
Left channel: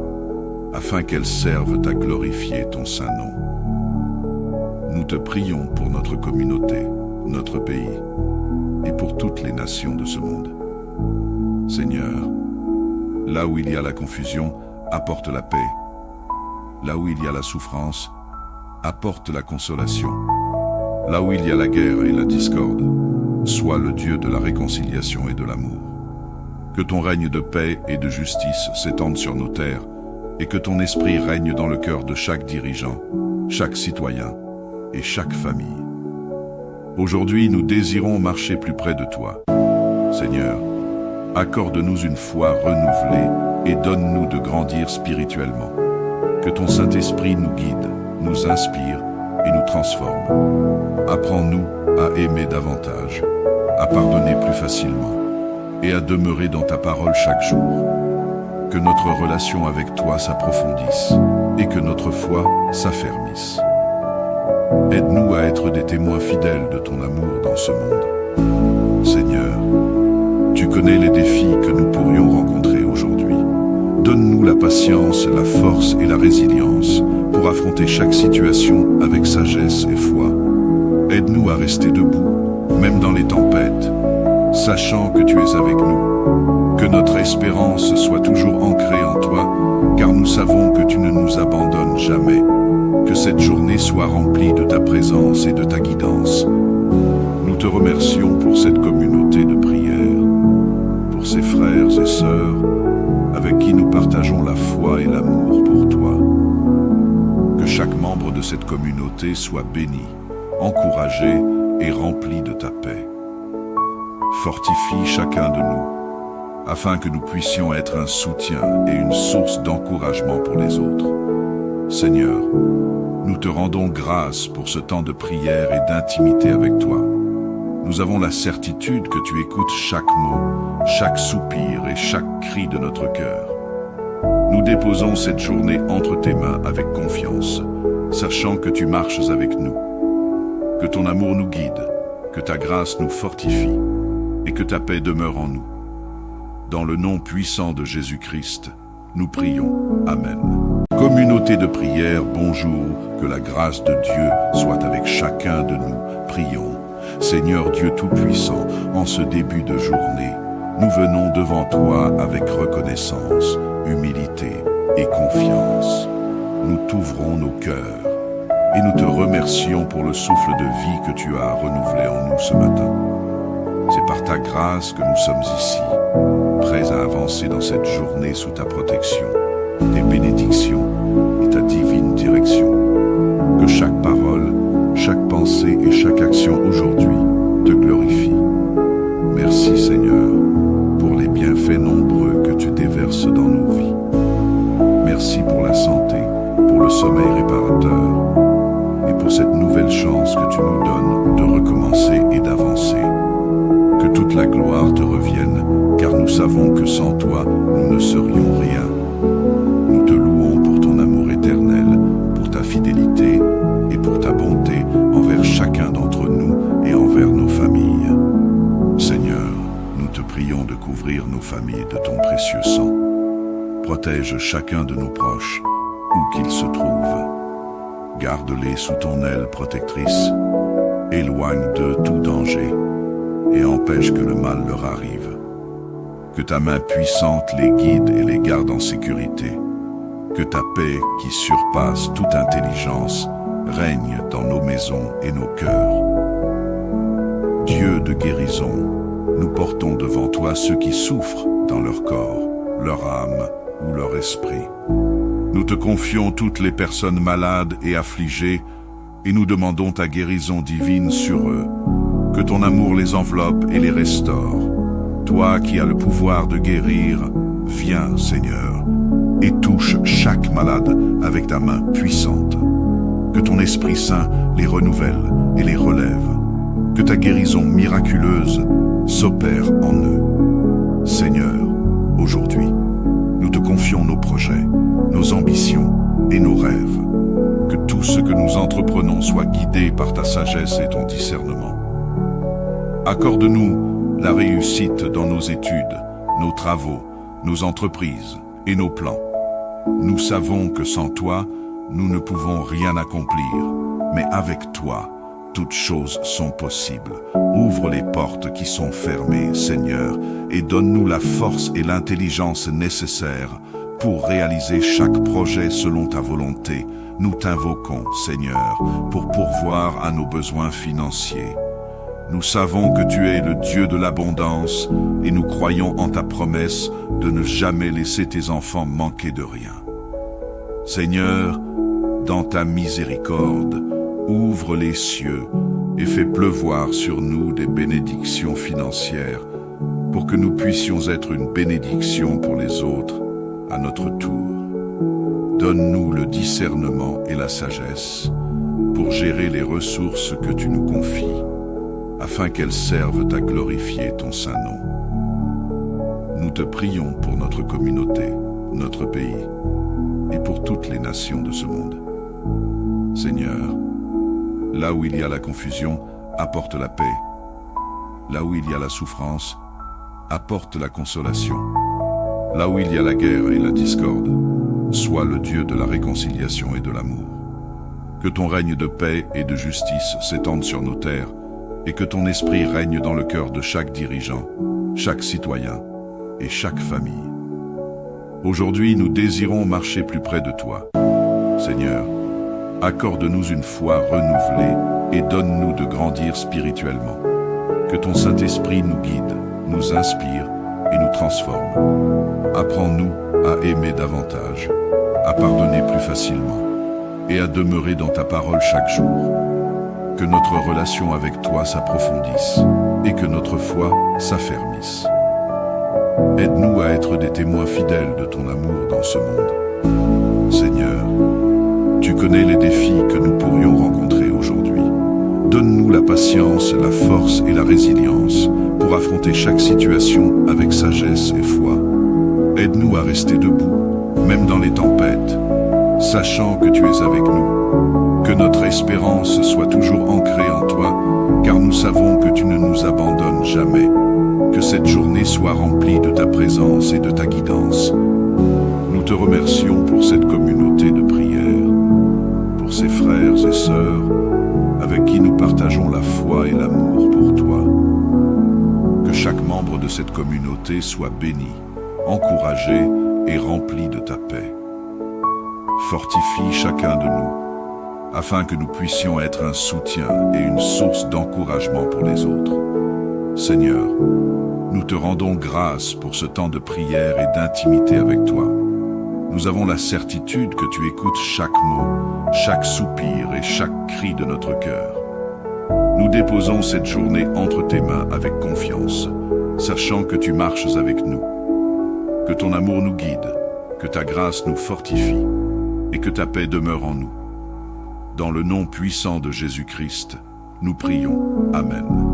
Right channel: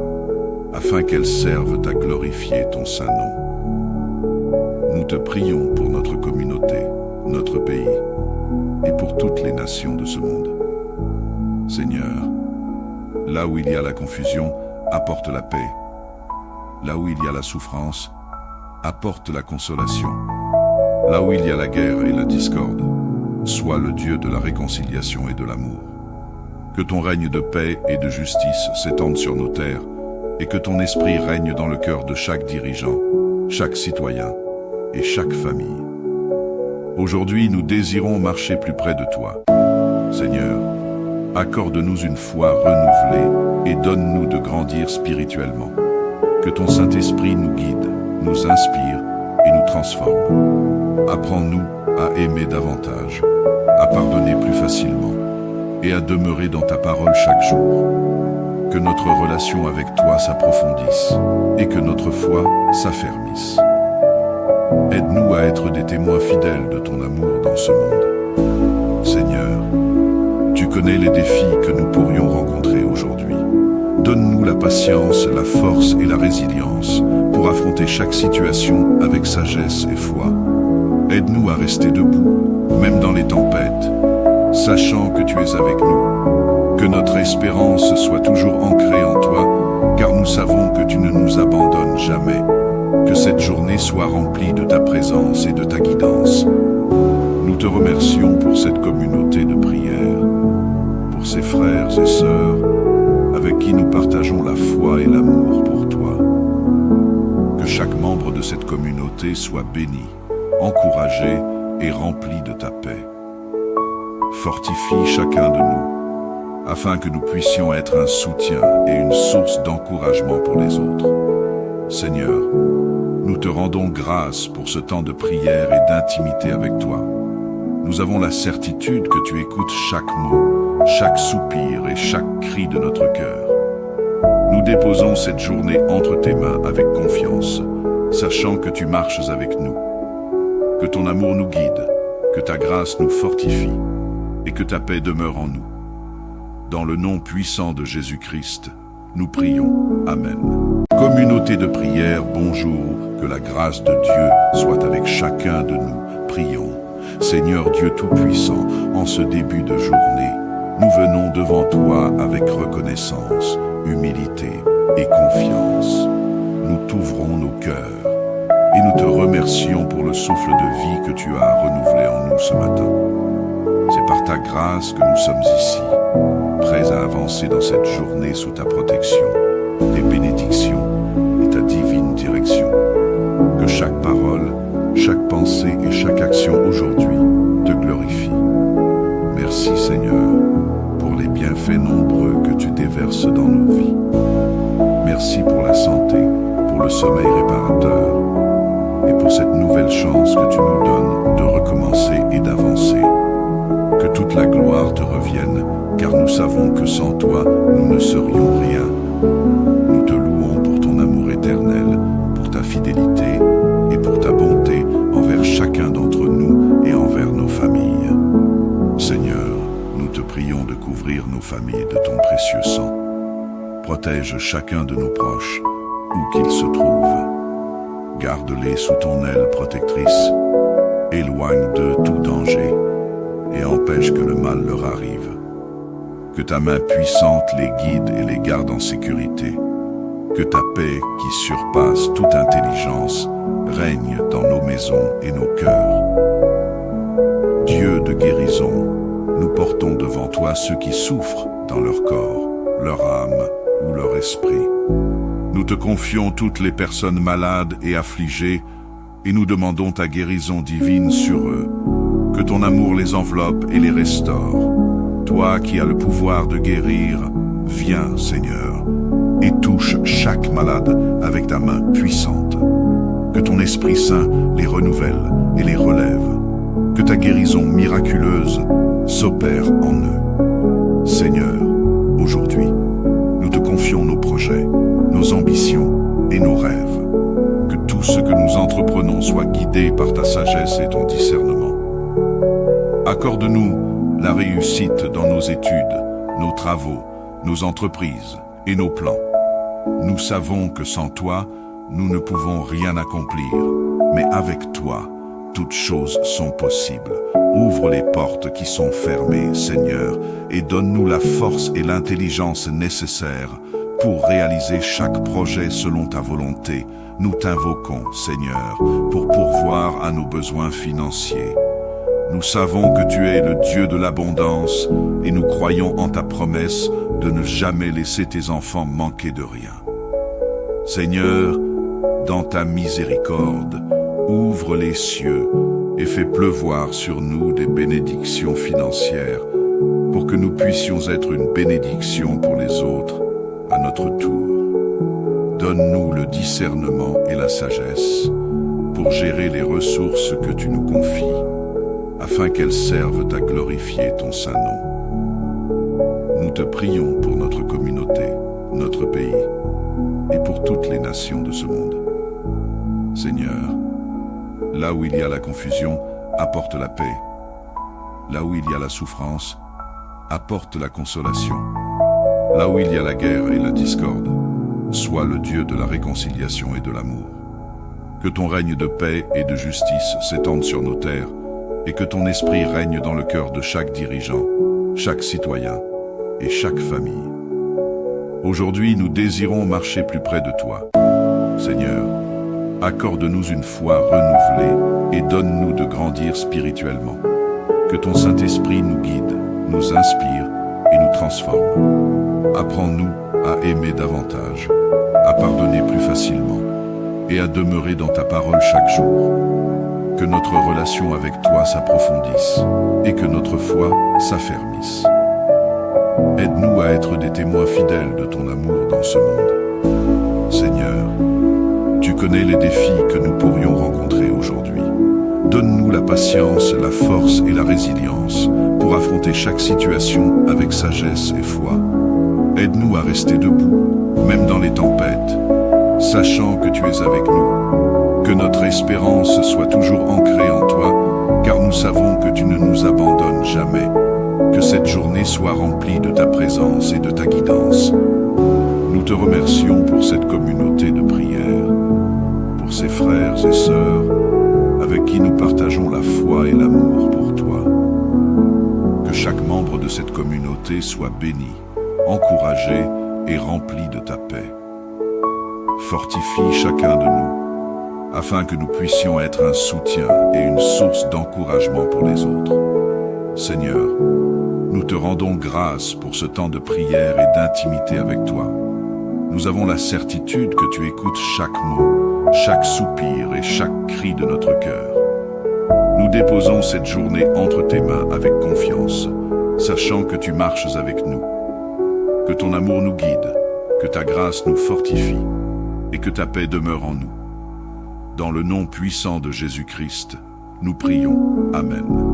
afin qu'elles servent à glorifier ton saint nom. Nous te prions pour notre communauté, notre pays et pour toutes les nations de ce monde. Seigneur, là où il y a la confusion, apporte la paix. Là où il y a la souffrance, apporte la consolation. Là où il y a la guerre et la discorde, sois le Dieu de la réconciliation et de l'amour. Que ton règne de paix et de justice s'étende sur nos terres et que ton esprit règne dans le cœur de chaque dirigeant, chaque citoyen et chaque famille. Aujourd'hui, nous désirons marcher plus près de toi. Seigneur, accorde-nous une foi renouvelée et donne-nous de grandir spirituellement. Que ton Saint-Esprit nous guide, nous inspire et nous transforme. Apprends-nous à aimer davantage, à pardonner plus facilement et à demeurer dans ta parole chaque jour. Que notre relation avec toi s'approfondisse et que notre foi s'affermisse. Aide-nous à être des témoins fidèles de ton amour dans ce monde. Seigneur, tu connais les défis que nous pourrions rencontrer aujourd'hui. Donne-nous la patience, la force et la résilience pour affronter chaque situation avec sagesse et foi. Aide-nous à rester debout, même dans les tempêtes, sachant que tu es avec nous. Que notre espérance soit toujours ancrée en toi, car nous savons que tu ne nous abandonnes jamais. Que cette journée soit remplie de ta présence et de ta guidance. Nous te remercions pour cette communauté de prière, pour ces frères et sœurs avec qui nous partageons la foi et l'amour pour toi. Que chaque membre de cette communauté soit béni, encouragé et rempli de ta paix. Fortifie chacun de nous, afin que nous puissions être un soutien et une source d'encouragement pour les autres. Seigneur, nous te rendons grâce pour ce temps de prière et d'intimité avec toi. Nous avons la certitude que tu écoutes chaque mot, chaque soupir et chaque cri de notre cœur. Nous déposons cette journée entre tes mains avec confiance, sachant que tu marches avec nous. Que ton amour nous guide, que ta grâce nous fortifie et que ta paix demeure en nous. Dans le nom puissant de Jésus-Christ, nous prions. Amen. Communauté de prière, bonjour, que la grâce de Dieu soit avec chacun de nous. Prions. Seigneur Dieu Tout-Puissant, en ce début de journée, nous venons devant toi avec reconnaissance, humilité et confiance. Nous t'ouvrons nos cœurs et nous te remercions pour le souffle de vie que tu as renouvelé en nous ce matin. C'est par ta grâce que nous sommes ici, prêts à avancer dans cette journée sous ta protection, tes bénédictions et ta divine direction. Que chaque parole, chaque pensée et chaque action aujourd'hui te glorifie. Merci Seigneur pour les bienfaits nombreux que tu déverses dans nos vies. Merci pour la santé, pour le sommeil réparateur et pour cette nouvelle chance que tu nous donnes de recommencer et d'avancer. Que toute la gloire te revienne, car nous savons que sans toi, nous ne serions rien. Nous te louons pour ton amour éternel, pour ta fidélité et pour ta bonté envers chacun d'entre nous et envers nos familles. Seigneur, nous te prions de couvrir nos familles de ton précieux sang. Protège chacun de nos proches, où qu'ils se trouvent. Garde-les sous ton aile protectrice éloigne d'eux tout danger et empêche que le mal leur arrive. Que ta main puissante les guide et les garde en sécurité. Que ta paix, qui surpasse toute intelligence, règne dans nos maisons et nos cœurs. Dieu de guérison, nous portons devant toi ceux qui souffrent dans leur corps, leur âme ou leur esprit. Nous te confions toutes les personnes malades et affligées et nous demandons ta guérison divine sur eux. Que ton amour les enveloppe et les restaure. Toi qui as le pouvoir de guérir, viens, Seigneur, et touche chaque malade avec ta main puissante. Que ton Esprit Saint les renouvelle et les relève. Que ta guérison miraculeuse s'opère en eux. Seigneur, aujourd'hui, nous te confions nos projets, nos ambitions et nos rêves. Que tout ce que nous entreprenons soit guidé par ta sagesse et ton discernement. Accorde-nous la réussite dans nos études, nos travaux, nos entreprises et nos plans. Nous savons que sans toi, nous ne pouvons rien accomplir, mais avec toi, toutes choses sont possibles. Ouvre les portes qui sont fermées, Seigneur, et donne-nous la force et l'intelligence nécessaires pour réaliser chaque projet selon ta volonté. Nous t'invoquons, Seigneur, pour pourvoir à nos besoins financiers. Nous savons que tu es le Dieu de l'abondance et nous croyons en ta promesse de ne jamais laisser tes enfants manquer de rien. Seigneur, dans ta miséricorde, ouvre les cieux et fais pleuvoir sur nous des bénédictions financières pour que nous puissions être une bénédiction pour les autres à notre tour. Donne-nous le discernement et la sagesse pour gérer les ressources que tu nous confies, afin qu'elles servent à glorifier ton saint nom. Nous te prions pour notre communauté, notre pays, et pour toutes les nations de ce monde. Seigneur, là où il y a la confusion, apporte la paix. Là où il y a la souffrance, apporte la consolation. Là où il y a la guerre et la discorde, sois le Dieu de la réconciliation et de l'amour. Que ton règne de paix et de justice s'étende sur nos terres, et que ton esprit règne dans le cœur de chaque dirigeant, chaque citoyen et chaque famille. Aujourd'hui, nous désirons marcher plus près de toi. Seigneur, accorde-nous une foi renouvelée et donne-nous de grandir spirituellement. Que ton Saint-Esprit nous guide, nous inspire et nous transforme. Apprends-nous à aimer davantage, à pardonner plus facilement et à demeurer dans ta parole chaque jour. Que notre relation avec toi s'approfondisse et que notre foi s'affermisse. Aide-nous à être des témoins fidèles de ton amour dans ce monde. Seigneur, tu connais les défis que nous pourrions rencontrer aujourd'hui. Donne-nous la patience, la force et la résilience pour affronter chaque situation avec sagesse et foi. Aide-nous à rester debout, même dans les tempêtes, sachant que tu es avec nous. Que notre espérance soit toujours ancrée en toi, car nous savons que tu ne nous abandonnes jamais. Que cette journée soit remplie de ta présence et de ta guidance. Nous te remercions pour cette communauté de prière, pour ces frères et sœurs avec qui nous partageons la foi et l'amour pour toi. Que chaque membre de cette communauté soit béni, encouragé et rempli de ta paix. Fortifie chacun de nous, afin que nous puissions être un soutien et une source d'encouragement pour les autres. Seigneur, nous te rendons grâce pour ce temps de prière et d'intimité avec toi. Nous avons la certitude que tu écoutes chaque mot, chaque soupir et chaque cri de notre cœur. Nous déposons cette journée entre tes mains avec confiance, sachant que tu marches avec nous. Que ton amour nous guide, que ta grâce nous fortifie et que ta paix demeure en nous. Dans le nom puissant de Jésus-Christ, nous prions. Amen.